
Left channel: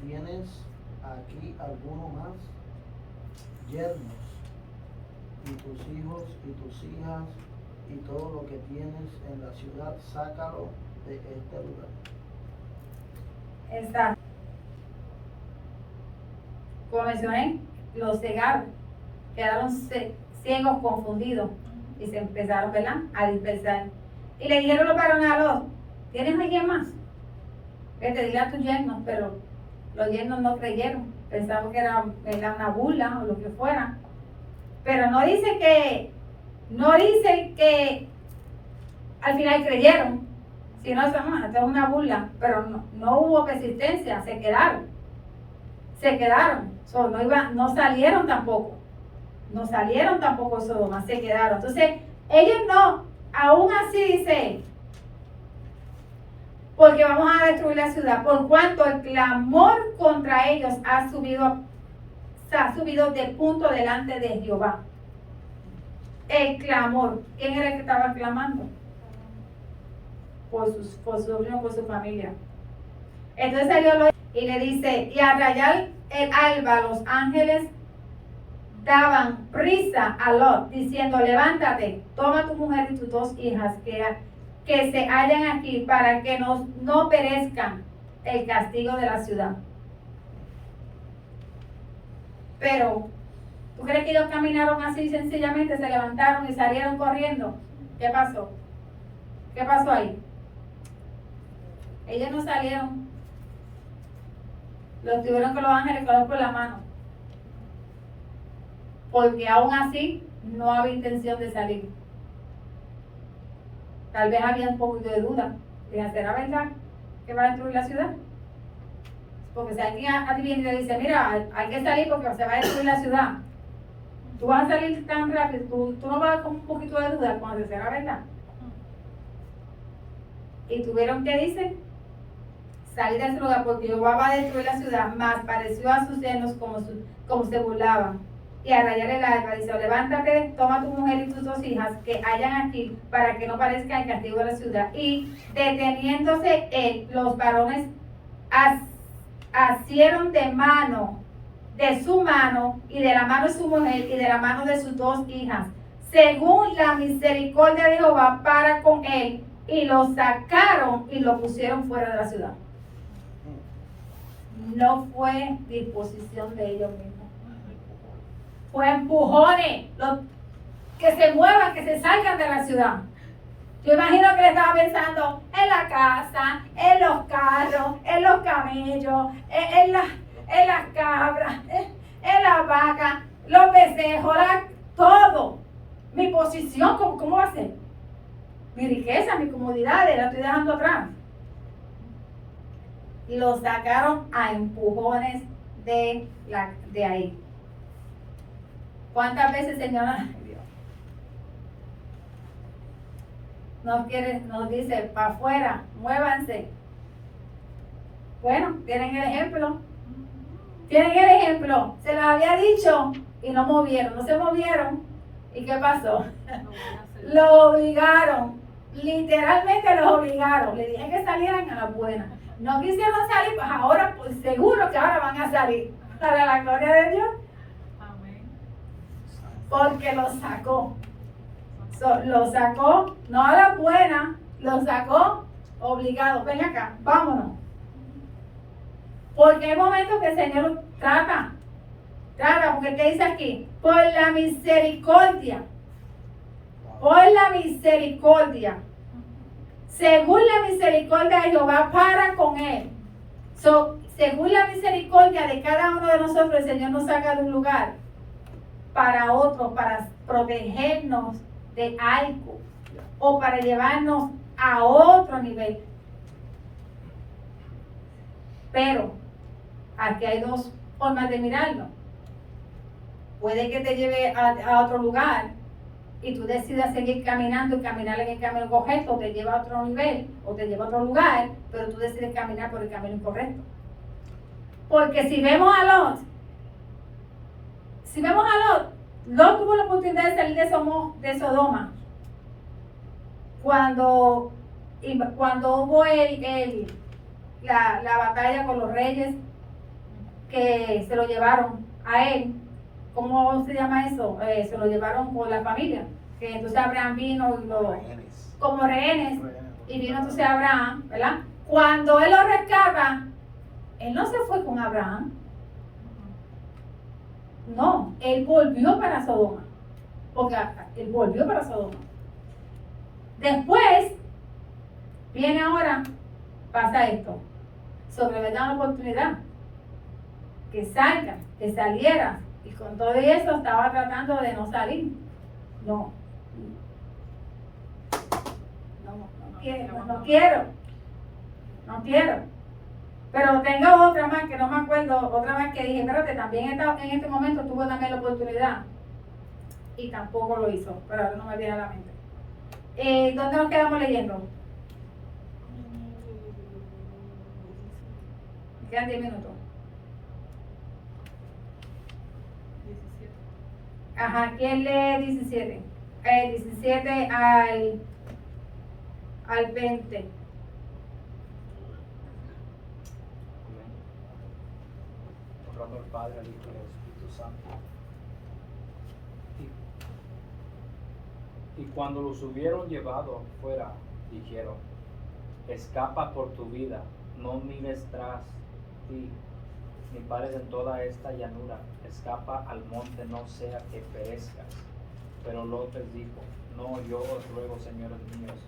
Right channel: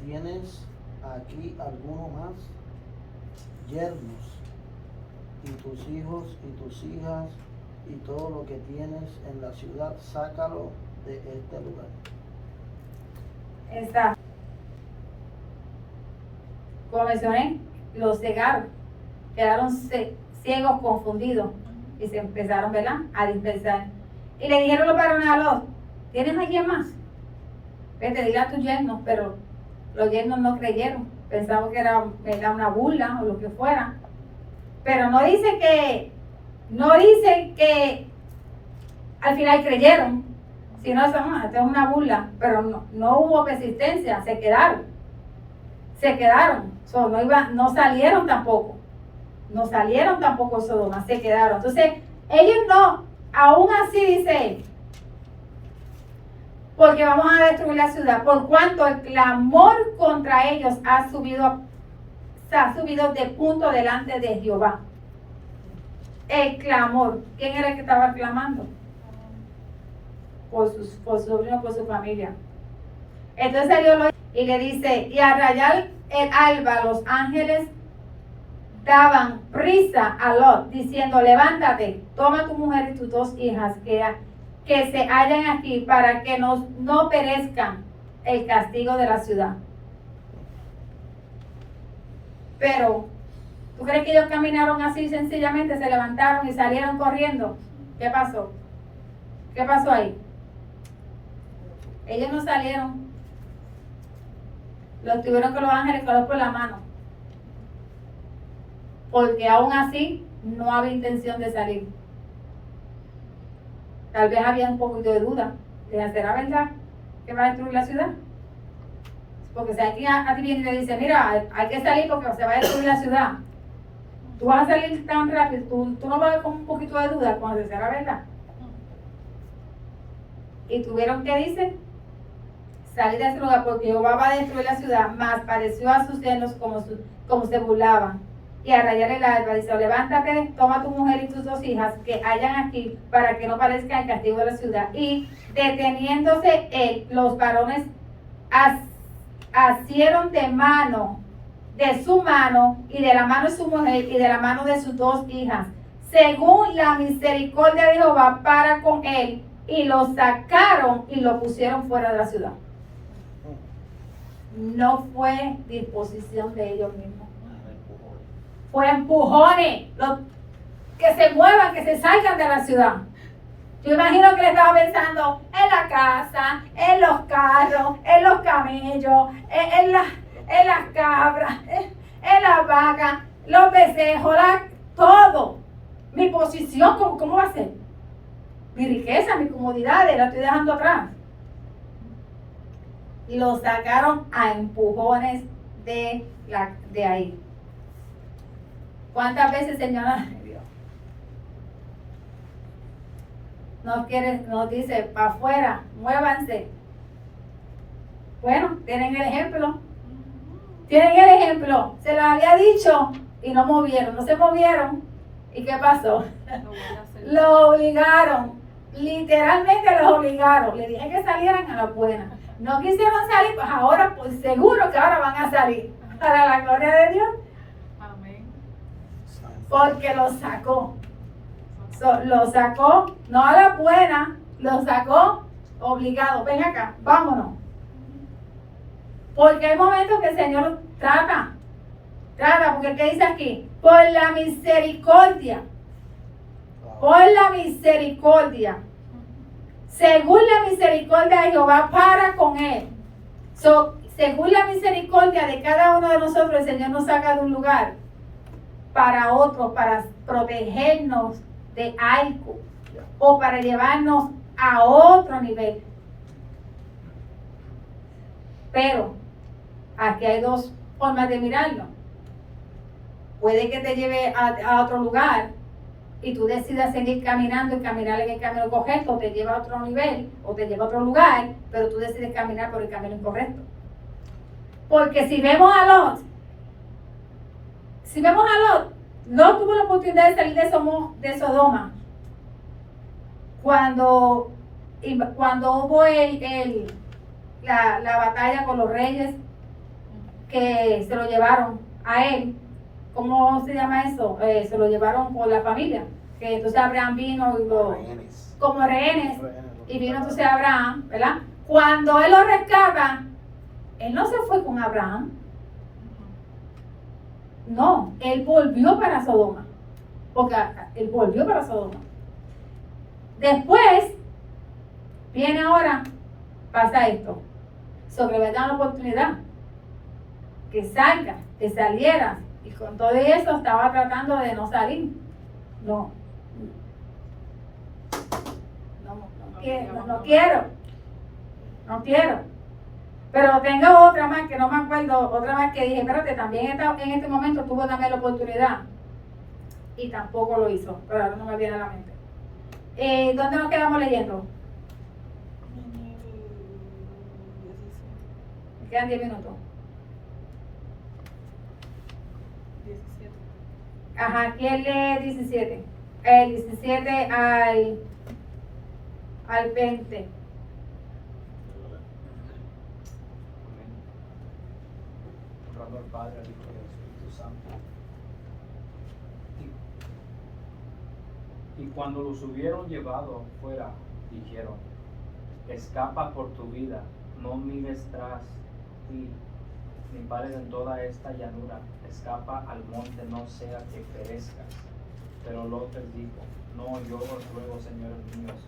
¿tienes aquí alguno más? Yernos, y tus hijos y tus hijas y todo lo que tienes en la ciudad, sácalo de este lugar. Está. Como mencioné, los cegaron, quedaron ciegos, confundidos, y se empezaron, ¿verdad?, a dispersar. Y le dijeron los varones a Lot: ¿tienes alguien más? Vete, dile a tus yernos. Pero los yernos no creyeron, pensaban que era una burla o lo que fuera. Pero no dice que al final creyeron, sino esto es una burla. Pero no hubo persistencia, se quedaron. So, no salieron tampoco de Sodoma, se quedaron. Entonces, ellos no, aún así dice, porque vamos a destruir la ciudad, por cuanto el clamor contra ellos ha subido de punto delante de Jehová. El clamor. ¿Quién era el que estaba clamando? Por su sobrino, por su familia. Entonces Dios y le dice: y al rayar el alba, los ángeles daban prisa a Lot, diciendo: levántate, toma tu mujer y tus 2 hijas que se hallan aquí, para que no perezcan el castigo de la ciudad. Pero, ¿tú crees que ellos caminaron así sencillamente, se levantaron y salieron corriendo? ¿Qué pasó? ¿Qué pasó ahí? Ellos no salieron. Los tuvieron que los ángeles coger por la mano. Porque aún así no había intención de salir. Tal vez había un poquito de duda. ¿Será verdad que va a destruir la ciudad? Porque si alguien a ti viene y te dice: mira, hay que salir porque se va a destruir la ciudad, tú vas a salir tan rápido, tú no vas con un poquito de duda cuando será verdad. Y tuvieron que, dice, salir de ese lugar, porque Jehová va a destruir la ciudad. Mas pareció a sus yernos como se burlaban. Y a rayar el alba, dice: levántate, toma tu mujer y tus 2 hijas que hayan aquí, para que no parezca el castigo de la ciudad. Y deteniéndose él, los varones asieron de su mano y de la mano de su mujer y de la mano de sus 2 hijas, según la misericordia de Jehová para con él, y lo sacaron y lo pusieron fuera de la ciudad. No fue disposición de ellos mismos, fue empujones. Que se muevan, que se salgan de la ciudad. Yo imagino que le estaba pensando en la casa, en los carros, en los camellos, en las cabras, en las vacas, los becerros, todo. Mi posición, ¿cómo va a ser? Mi riqueza, mi comodidad, la estoy dejando atrás. Y lo sacaron a empujones de ahí. ¿Cuántas veces, Señora, Dios, nos dice: para afuera, muévanse? Bueno, tienen el ejemplo. Se lo había dicho y no se movieron. ¿Y qué pasó? Lo obligaron, literalmente los obligaron. Le dije que salieran a la buena. No quisieron salir, pues ahora, pues seguro que ahora van a salir. Para la gloria de Dios. Amén. Porque lo sacó. Lo sacó, no a la buena, lo sacó obligado. Ven acá, vámonos. Porque hay momentos que el Señor trata, porque ¿qué dice aquí? Por la misericordia. Según la misericordia de Jehová para con él. Según la misericordia de cada uno de nosotros, el Señor nos saca de un lugar para otro, para protegernos de algo o para llevarnos a otro nivel. Pero aquí hay 2 formas de mirarlo. Puede que te lleve a otro lugar y tú decides seguir caminando y caminar en el camino correcto, te lleva a otro nivel o te lleva a otro lugar, pero tú decides caminar por el camino incorrecto. Porque si vemos a Lot, Lot tuvo la oportunidad de salir de Sodoma cuando hubo la batalla con los reyes que se lo llevaron a él. ¿Cómo se llama eso? Se lo llevaron con la familia. Que entonces Abraham vino y como rehenes. Y vino entonces Abraham, ¿verdad? Cuando él lo rescata, él no se fue con Abraham. No, él volvió para Sodoma. Porque él volvió para Sodoma. Después, viene ahora, pasa esto. Sobre le dan la oportunidad. Que salga, que saliera. Y con todo eso estaba tratando de no salir. No quiero. Pero tengo otra más que no me acuerdo, otra más que dije, espérate, también en este momento tuvo también la oportunidad. Y tampoco lo hizo, pero ahora no me viene a la mente. ¿Dónde nos quedamos leyendo? Me quedan 10 minutos. 17. Ajá, ¿quién lee 17? 17 al 20. Honrando al Padre, al Hijo y al Espíritu Santo. Y cuando los hubieron llevado afuera, dijeron: escapa por tu vida, no mires tras ti, ni pares en toda esta llanura, escapa al monte, no sea que perezcas. Pero Lot les dijo: no, yo os ruego, señores míos,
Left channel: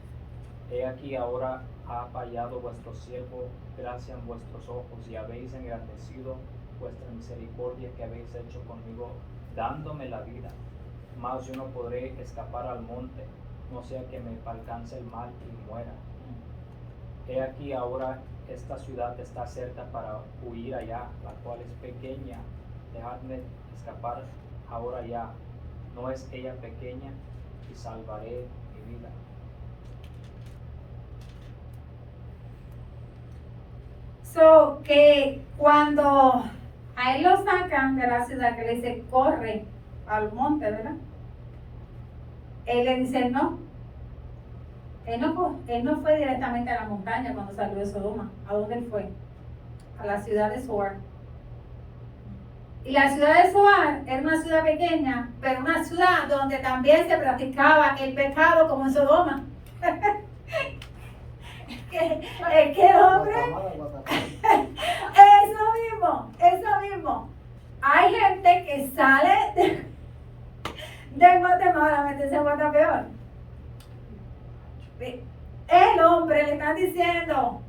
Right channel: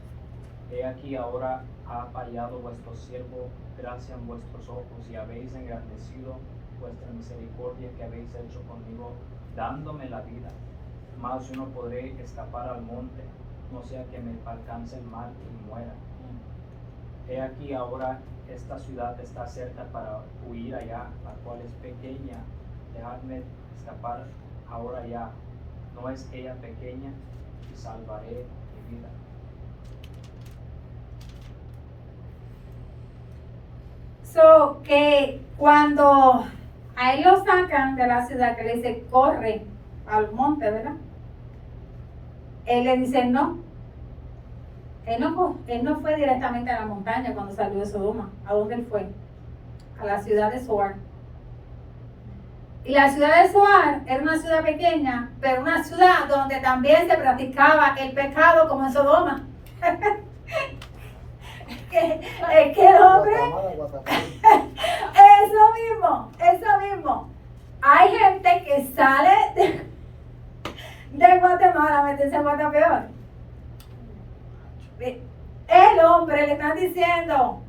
he aquí ahora ha fallado vuestro siervo gracia en vuestros ojos, y habéis engrandecido vuestra misericordia que habéis hecho conmigo, dándome la vida. Mas yo no podré escapar al monte, no sea que me alcance el mal y muera. He aquí ahora esta ciudad está cerca para huir allá, la cual es pequeña, dejadme escapar ahora ya, no es ella pequeña, y salvaré mi vida. So, que cuando a él lo sacan de la ciudad, que le dice, corre al monte, ¿verdad? Él le dice, no. Él no fue directamente a la montaña cuando salió de Sodoma. ¿A dónde él fue? A la ciudad de Zoar. Y la ciudad de Zoar era una ciudad pequeña, pero una ciudad donde también se practicaba el pecado como en Sodoma. Es que el hombre, eso mismo. Hay gente que sale de Guatemala a meterse en Guatapeor. El hombre le están diciendo,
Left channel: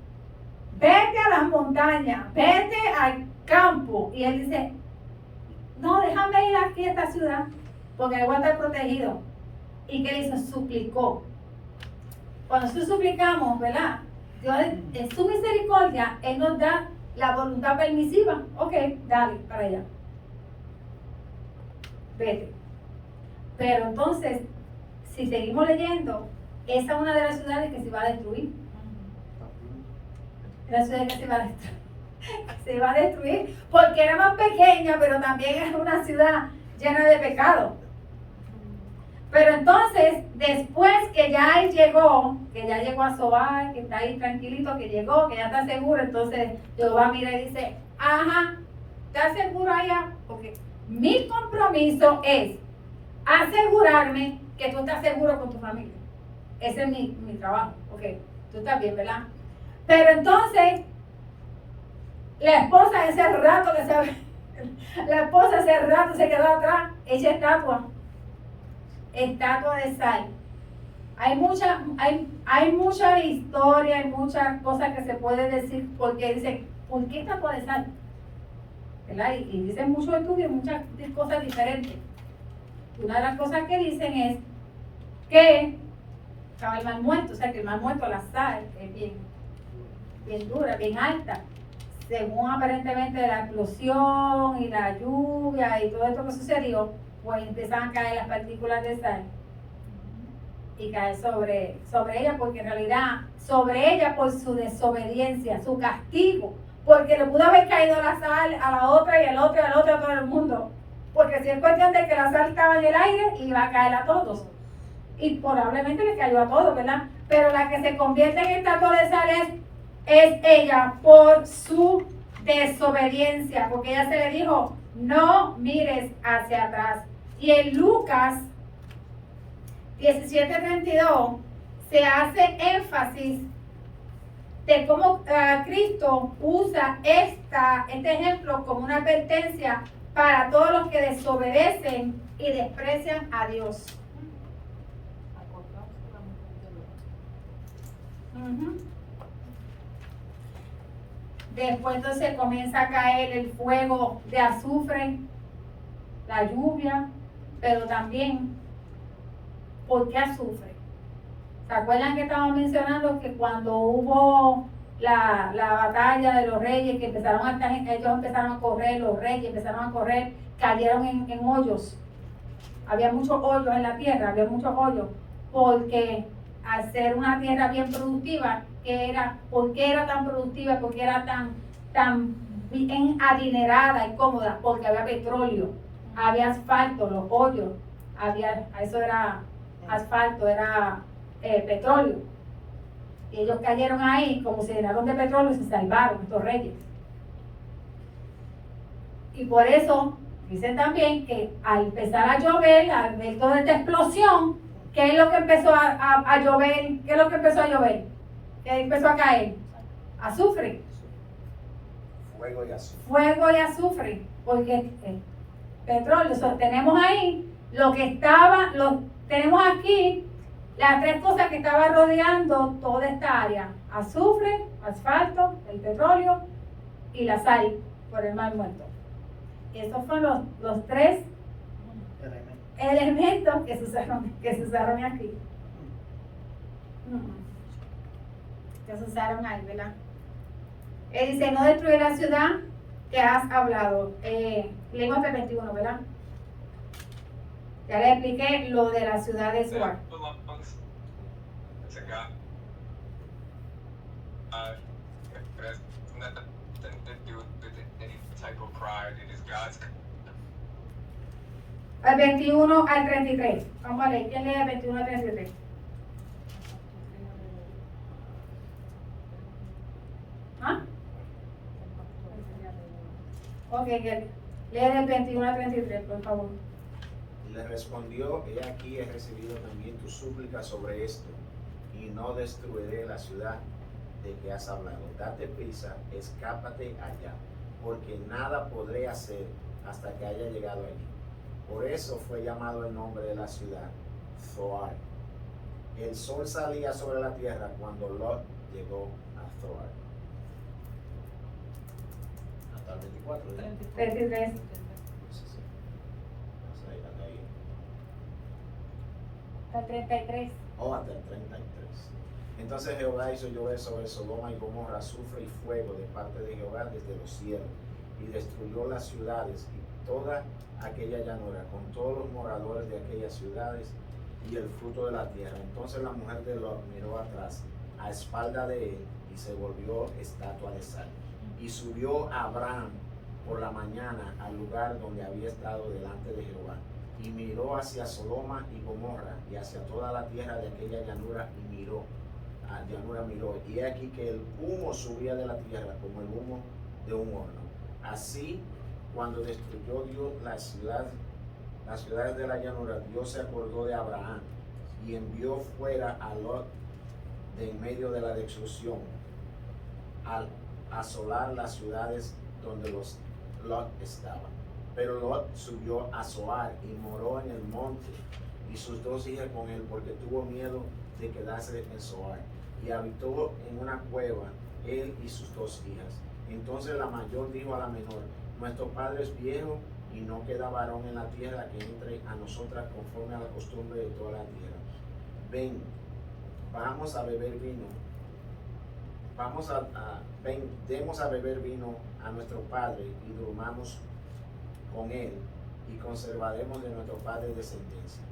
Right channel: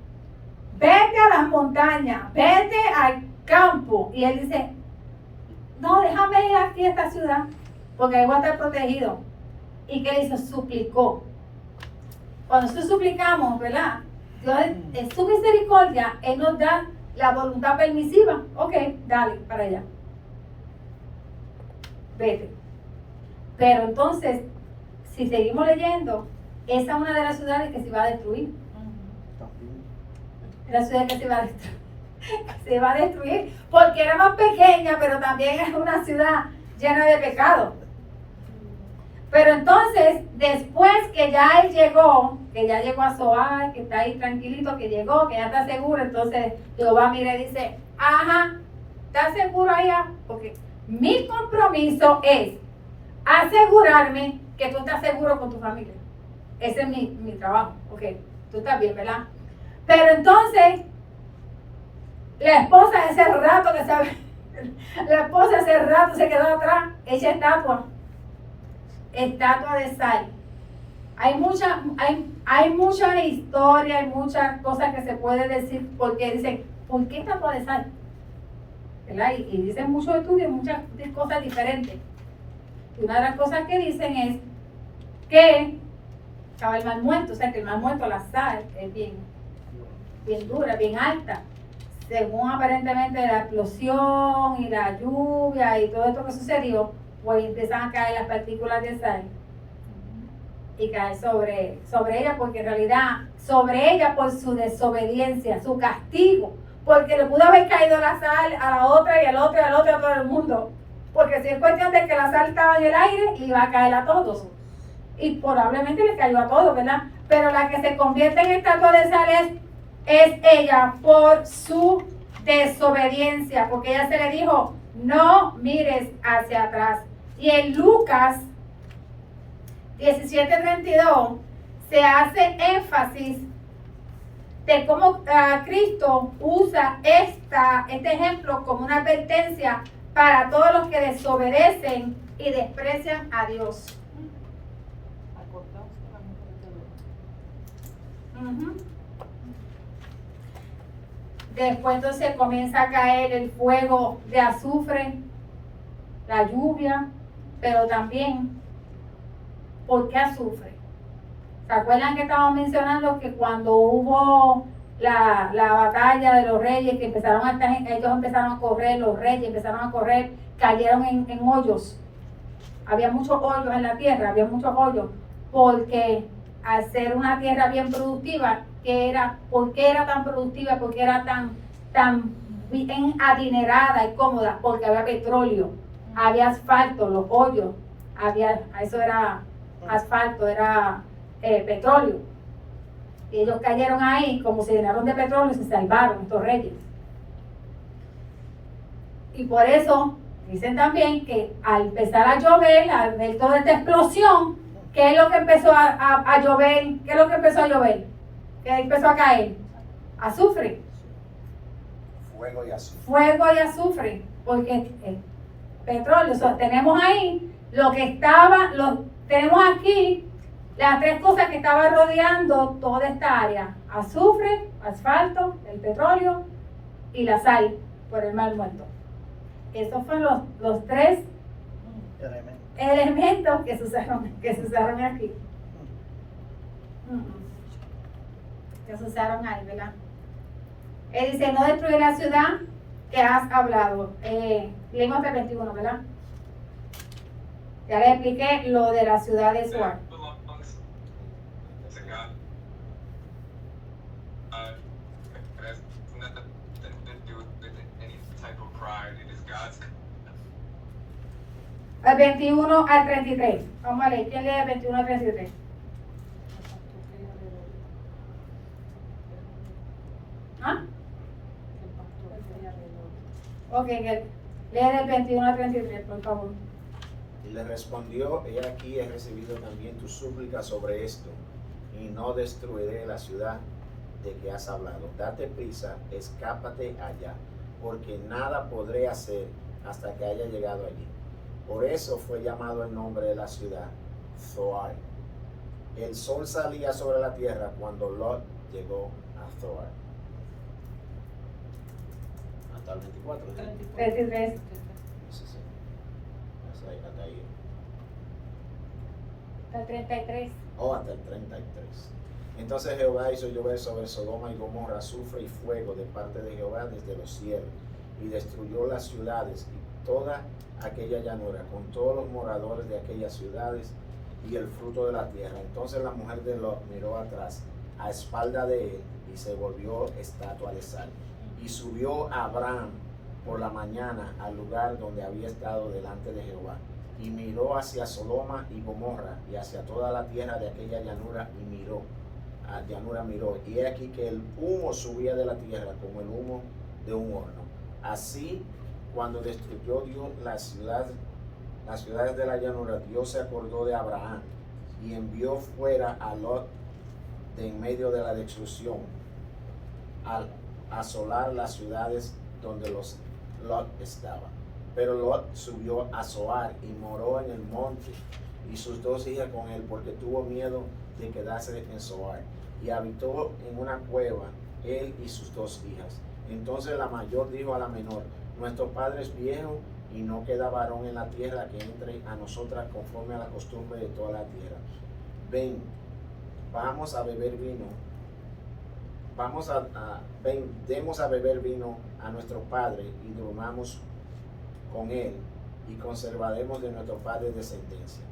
vete a las montañas, vete al campo. Y él dice, no, déjame ir aquí a esta ciudad, porque voy a estar protegido. ¿Y qué hizo? Suplicó. Cuando nosotros suplicamos, ¿verdad? Dios en su misericordia, Él nos da la voluntad permisiva. Ok, dale, para allá. Vete. Pero entonces, si seguimos leyendo, esa es una de las ciudades que se va a destruir. La ciudad que se va a destruir. Se va a destruir porque era más pequeña, pero también es una ciudad llena de pecado. Pero entonces, después que ya él llegó, que ya llegó a Zoar, que está ahí tranquilito, que llegó, que ya está seguro, entonces Jehová mira y dice, ajá, ¿estás seguro allá? Porque mi compromiso es asegurarme que tú estás seguro con tu familia. Ese es mi trabajo, ok, tú estás bien, ¿verdad? Pero entonces, la esposa ese rato se quedó atrás, hecha estatua de sal. Hay mucha historia, hay muchas cosas que se puede decir, porque dicen, ¿por qué estatua de sal? ¿Verdad? Y dicen muchos estudios, muchas cosas diferentes. Y una de las cosas que dicen es que estaba el mal muerto, o sea que el mal muerto, la sal, es bien dura, bien alta. Según aparentemente la explosión y la lluvia y todo esto que sucedió, pues empiezan a caer las partículas de sal y caer sobre ella, porque en realidad, sobre ella por su desobediencia, su castigo, porque le pudo haber caído la sal a la otra y al otro y al otro, a todo el mundo, porque si es cuestión de que la sal estaba en el aire, le iba a caer a todos, y probablemente le cayó a todos, ¿verdad? Pero la que se convierte en estatua de sal es ella por su desobediencia, porque ella se le dijo, no mires hacia atrás. Y en Lucas 17:32 se hace énfasis de cómo Cristo usa este ejemplo como una advertencia para todos los que desobedecen y desprecian a Dios. Ujú. Después entonces comienza a caer el fuego de azufre, la lluvia, pero también, ¿por qué azufre? ¿Se acuerdan que estábamos mencionando que cuando hubo la batalla de los reyes, que ellos empezaron a correr, los reyes empezaron a correr, cayeron en hoyos? Había muchos hoyos en la tierra, había muchos hoyos, porque al ser una tierra bien productiva, ¿por qué era tan productiva? ¿Por qué era tan bien adinerada y cómoda? Porque había petróleo, había asfalto, los hoyos, eso era asfalto, era petróleo. Y ellos cayeron ahí, como se llenaron de petróleo, se salvaron estos reyes. Y por eso dicen también que al empezar a llover, al ver toda esta explosión, ¿qué es lo que empezó a llover? ¿Qué es lo que empezó a llover? ¿Qué empezó a caer? Azufre. Fuego y azufre. Fuego y azufre, porque petróleo. O sea, tenemos ahí lo que estaba, tenemos aquí las tres cosas que estaban rodeando toda esta área: azufre, asfalto, el petróleo y la sal por el mar muerto. Estos fueron los tres elementos que se usaron aquí. Que se usaron ahí, ¿verdad? Él dice, no destruye la ciudad que has hablado. Leímos el 21, ¿verdad? Ya les expliqué lo de la ciudad de Suar. Al 21 al 33. Vamos a leer. ¿Quién lee el 21 al 33? ¿Ah? Ok, lee del 21 al 33, por favor. Y le respondió, he aquí he recibido también tu súplica sobre esto, y no destruiré la ciudad de que has hablado. Date prisa, escápate allá, porque nada podré hacer hasta que haya llegado allí. Por eso fue llamado el nombre de la ciudad, Zoar. El sol salía sobre la tierra cuando Lot llegó a Zoar. Hasta el 24. 33. Sí. Hasta ahí. Hasta el 33. Hasta el 33. Entonces Jehová hizo llover sobre Sodoma y Gomorra azufre y fuego de parte de Jehová desde los cielos, y destruyó las ciudades y toda aquella llanura, con todos los moradores de aquellas ciudades y el fruto de la tierra. Entonces la mujer de Lot miró atrás, a espalda de él, y se volvió estatua de sal. Y subió Abraham por la mañana al lugar donde había estado delante de Jehová, y miró hacia Sodoma y Gomorra, y hacia toda la tierra de aquella llanura, y miró, y he aquí que el humo subía de la tierra como el humo de un horno. Así, cuando destruyó Dios las ciudades de la llanura, Dios se acordó de Abraham y envió fuera a Lot de en medio de la destrucción, al asolar las ciudades donde Lot estaba. Pero Lot subió a Zoar y moró en el monte, y sus dos hijas con él, porque tuvo miedo de quedarse en Zoar, y habitó en una cueva él y sus dos hijas. Entonces la mayor dijo a la menor, nuestro padre es viejo y no queda varón en la tierra que entre a nosotras conforme a la costumbre de toda la tierra. Ven, vamos a beber vino. Ven, demos a beber vino a nuestro padre y durmamos con él, y conservaremos de nuestro padre descendencia.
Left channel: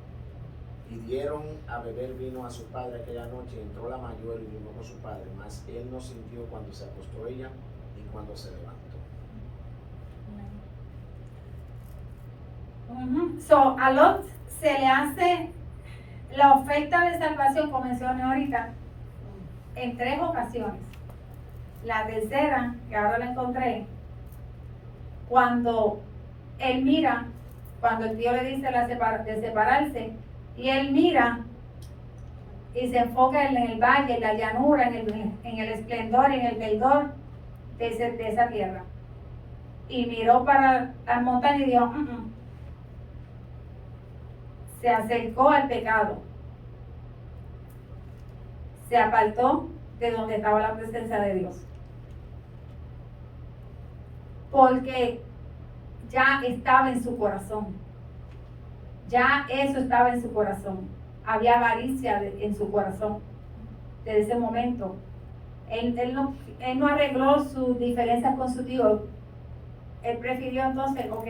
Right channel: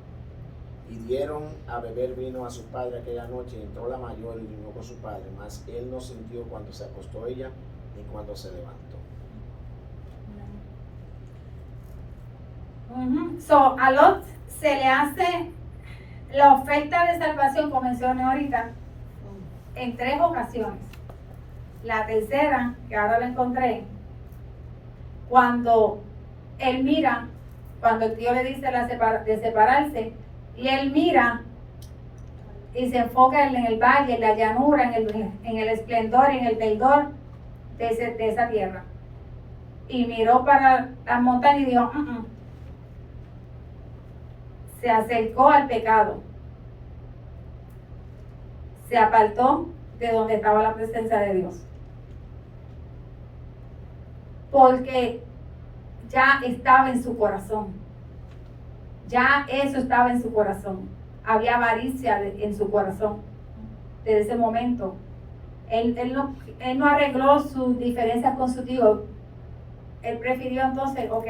Y dieron a beber vino a su padre aquella noche, y entró la mayor y vino con su padre, mas él no sintió cuando se acostó ella ni cuando se levantó. So, a Lot se le hace la oferta de salvación, como mencioné ahorita, en 3 ocasiones. La tercera, que ahora la encontré, cuando él mira, cuando el tío le dice de separarse, y él mira y se enfoca en el valle, en la llanura, en el esplendor, en el verdor de esa tierra. Y miró para las montañas y dijo, se acercó al pecado, se apartó de donde estaba la presencia de Dios, porque ya estaba en su corazón, ya eso estaba en su corazón, había avaricia en su corazón. Desde ese momento él no arregló sus diferencias con su tío. Él prefirió entonces, ok,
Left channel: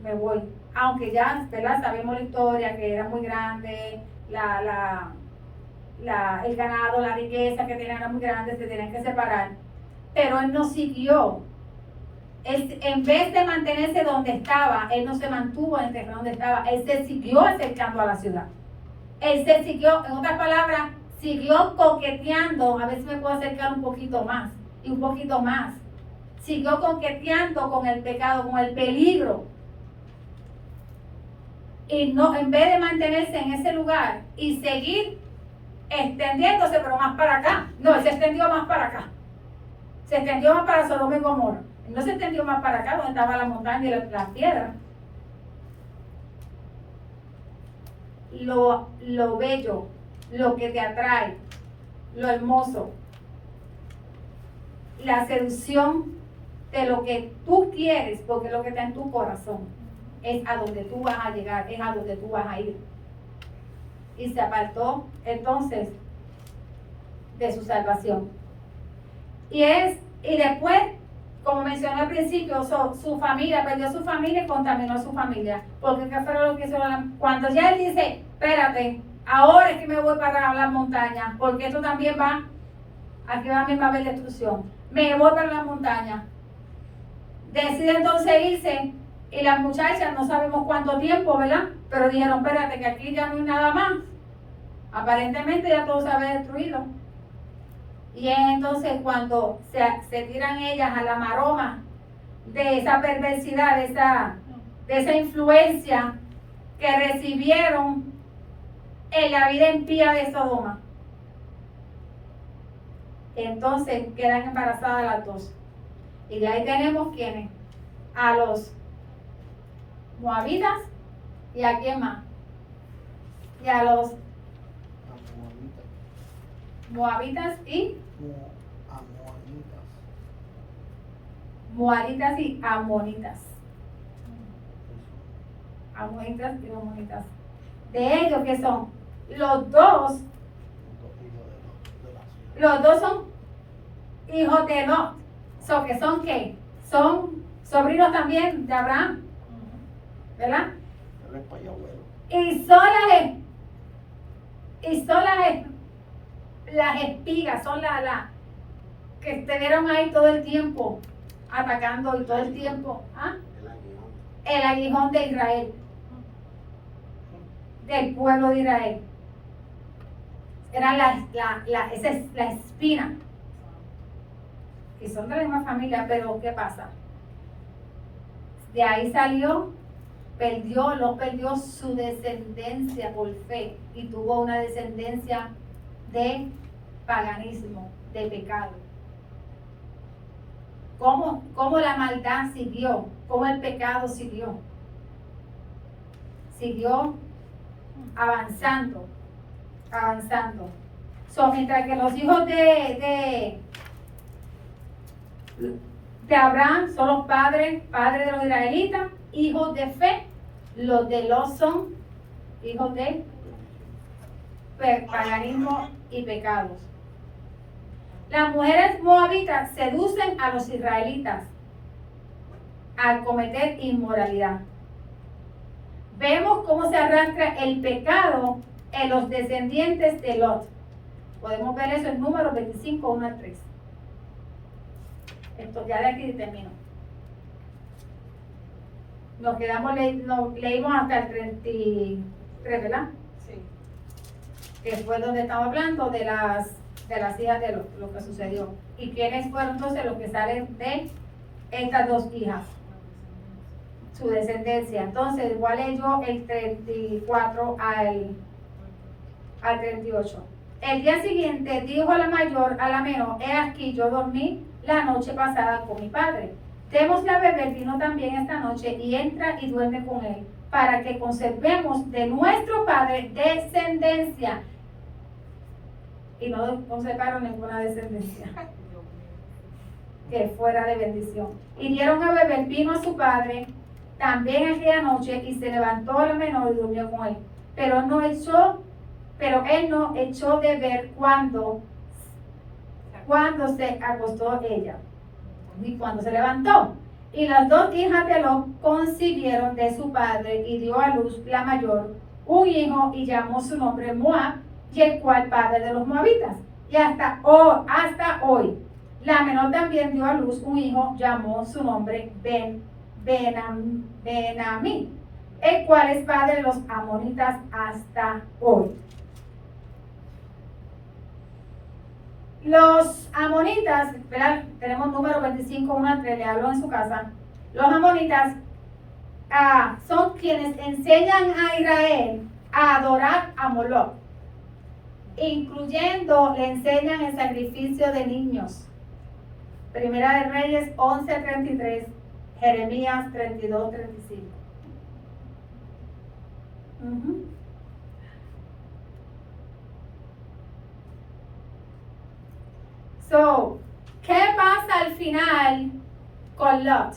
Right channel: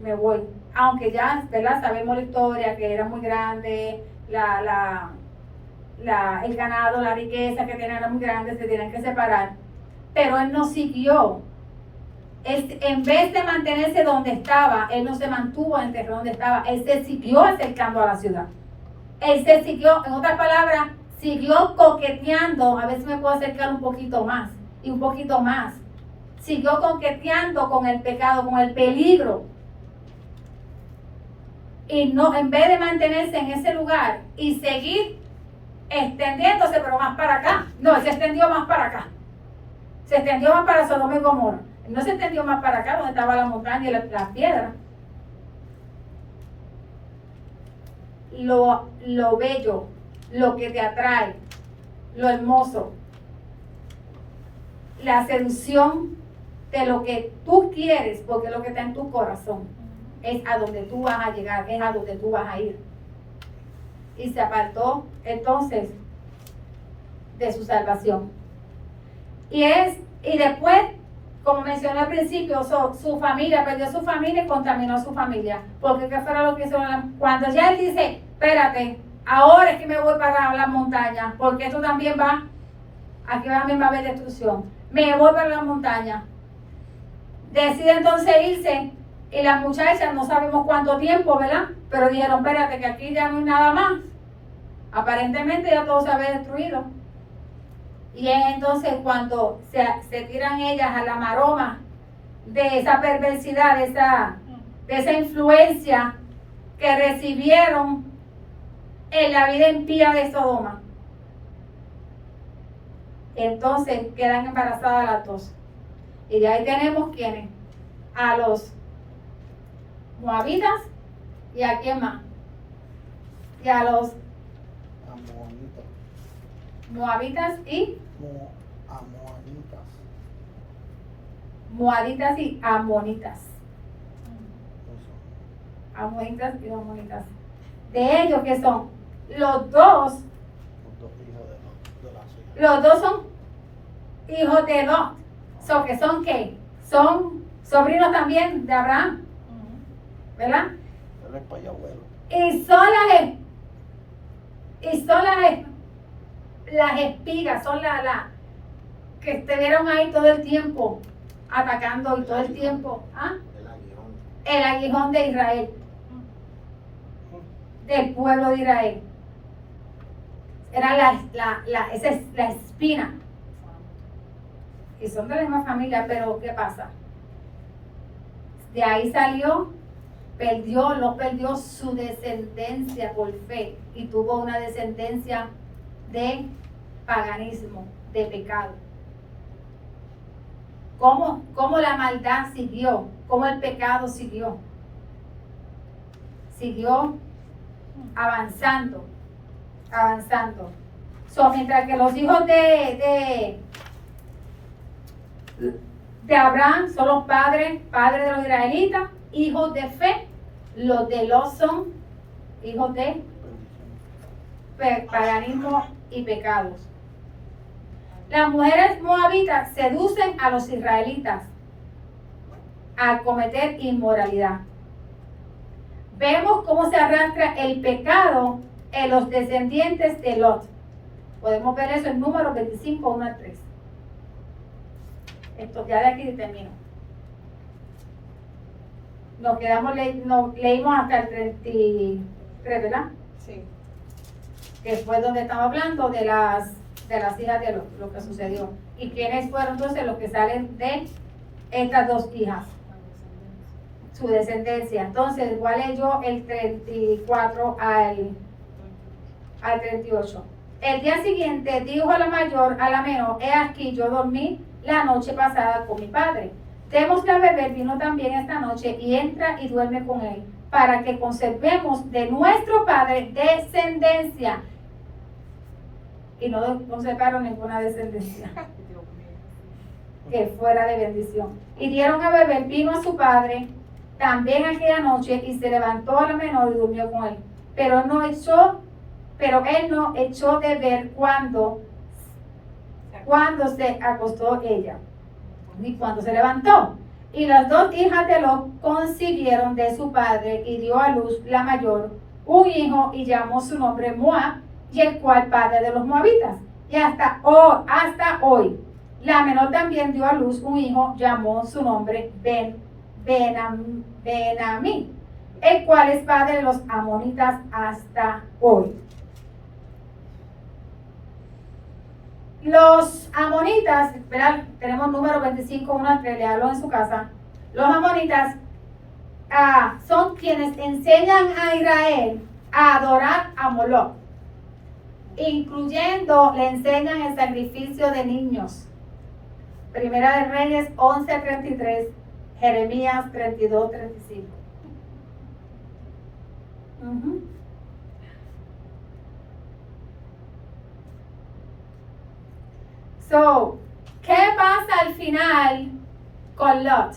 me voy. Aunque ya, ¿verdad? Sabemos la historia, que era muy grande, el ganado, la riqueza que tenían era muy grande, se tenían que separar. Pero él no siguió. En vez de mantenerse donde estaba, él no se mantuvo en el terreno donde estaba, él se siguió acercando a la ciudad. Él se siguió, en otras palabras, siguió coqueteando, a ver si me puedo acercar un poquito más, y un poquito más. Siguió coqueteando con el pecado, con el peligro. Y no, en vez de mantenerse en ese lugar y seguir extendiéndose, pero más para acá. No, él se extendió más para acá. Se extendió más para Sodoma y Gomorra. No se extendió más para acá, donde estaba la montaña y las piedras. Lo bello, lo que te atrae, lo hermoso, la seducción de lo que tú quieres, porque es lo que está en tu corazón, es a donde tú vas a llegar, es a donde tú vas a ir. Y se apartó entonces de su salvación. Y después, como mencioné al principio, su familia, perdió su familia y contaminó su familia. Porque ¿qué fue lo que hizo? Cuando ya él dice, espérate, ahora es que me voy para la montaña, porque esto también va, aquí también va a haber destrucción. Me voy para la montaña. Decide entonces irse, y las muchachas, no sabemos cuánto tiempo, ¿verdad? Pero dijeron, espérate, que aquí ya no hay nada más. Aparentemente ya todo se había destruido. Y es entonces cuando se tiran ellas a la maroma de esa perversidad, de esa influencia que recibieron en la vida impía de Sodoma. Entonces quedan embarazadas las dos. Y de ahí tenemos ¿quiénes? A los moabitas, y a quién más, y a los Amonitas. moabitas y Amonitas. moabitas y amonitas. Eso. Amonitas y amonitas. De ellos que son los dos, Los dos hijos de la ciudad. los dos son hijos de Lot. So, que son ¿qué? Son sobrinos también de Abraham, ¿verdad? Él es payabuelo. Y son las espigas, son las que estuvieron ahí todo el tiempo atacando y todo el tiempo, el aguijón de Israel, del pueblo de Israel. Era esa es la espina. Y son de la misma familia, pero ¿qué pasa? De ahí salió, Lot perdió su descendencia por fe y tuvo una descendencia de paganismo, de pecado. ¿Cómo la maldad siguió? ¿Cómo el pecado siguió? Siguió avanzando. Mientras que los hijos de Abraham son los padres de los israelitas, hijos de fe, los de Lot son hijos de paganismo y pecados. Las mujeres moabitas seducen a los israelitas al cometer inmoralidad. Vemos cómo se arrastra el pecado en los descendientes de Lot. Podemos ver eso en Números 25, 1 al 3. Esto ya de aquí termino. Nos quedamos, leímos hasta el 33, ¿verdad? Sí. Que fue donde estaba hablando de las hijas de Lot, lo que sucedió. ¿Y quiénes fueron entonces los que salen de estas dos hijas? Su descendencia. Entonces, voy a leer yo el 34 al 38. El día siguiente dijo la mayor a la menor: he aquí, yo dormí la noche pasada con mi padre. Démosle a beber vino también esta noche, y entra y duerme con él, para que conservemos de nuestro padre descendencia. Y no conservaron ninguna descendencia que fuera de bendición. Y dieron a beber vino a su padre también aquella noche, y se levantó a la menor y durmió con él. Pero él no echó de ver cuando se acostó ella, ni cuando se levantó. Y las dos hijas de Lot concibieron de su padre, y dio a luz la mayor un hijo, y llamó su nombre Moab, y el cual padre de los moabitas. Y hasta hoy, la menor también dio a luz un hijo, llamó su nombre Benamí, el cual es padre de los amonitas hasta hoy. Los amonitas, ¿verdad? Tenemos Número 25, 1 al 3, léalo en su casa. Los amonitas son quienes enseñan a Israel a adorar a Moloch, incluyendo, le enseñan el sacrificio de niños. Primera de Reyes 11 al 33, Jeremías 32, 35. So, ¿qué pasa al final con Lot?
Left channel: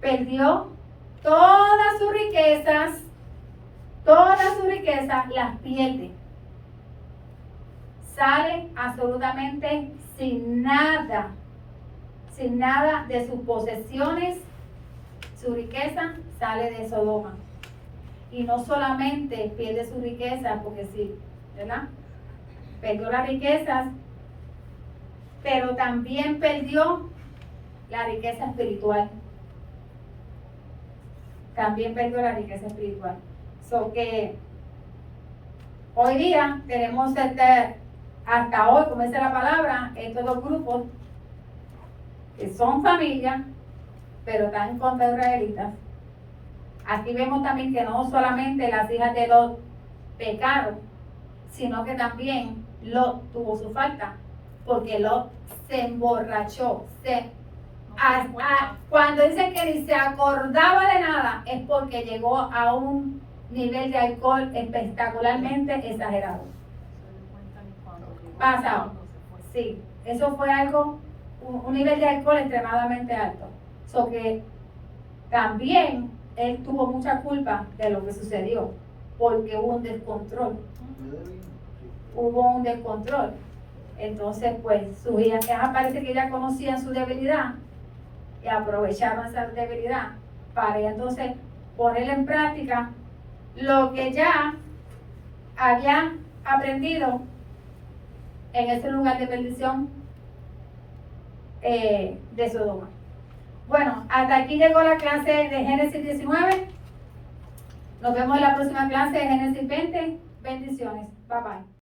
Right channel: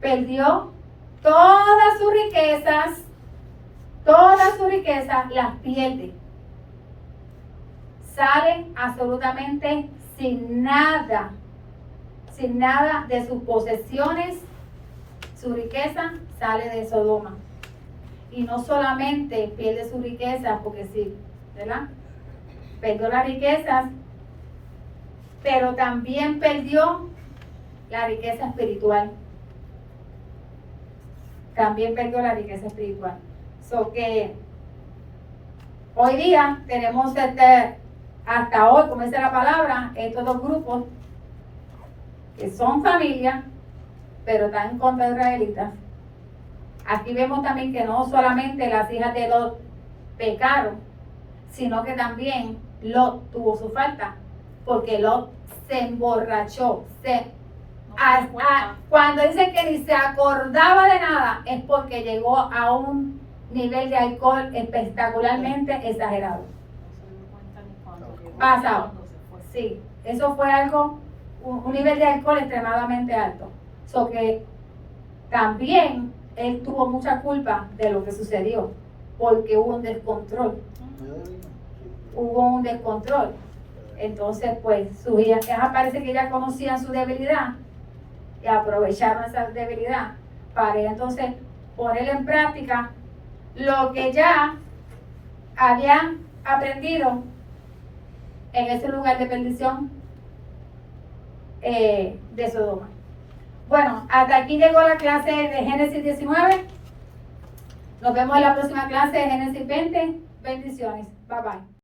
Perdió todas sus riquezas las pierde. Sale absolutamente sin nada de sus posesiones. Su riqueza sale de Sodoma. Y no solamente pierde su riqueza, porque sí, ¿verdad? Perdió las riquezas, pero también perdió la riqueza espiritual. So que hoy día tenemos hasta hoy, como dice la palabra, estos dos grupos que son familia, pero están en contra de israelitas. Aquí vemos también que no solamente las hijas de Lot pecaron, sino que también Lot tuvo su falta, porque Lot se emborrachó. Cuando dice que ni se acordaba de nada, es porque llegó a un nivel de alcohol espectacularmente exagerado. Pasado. Sí, eso fue algo, un nivel de alcohol extremadamente alto. So que también él tuvo mucha culpa de lo que sucedió, porque hubo un descontrol. Entonces, pues, sus hijas parece que ya conocían su debilidad y aprovecharon esa debilidad para entonces poner en práctica lo que ya habían aprendido en ese lugar de perdición de Sodoma. Bueno, hasta aquí llegó la clase de Génesis 19. Nos vemos en la próxima clase de Génesis 20. Bendiciones. Bye bye.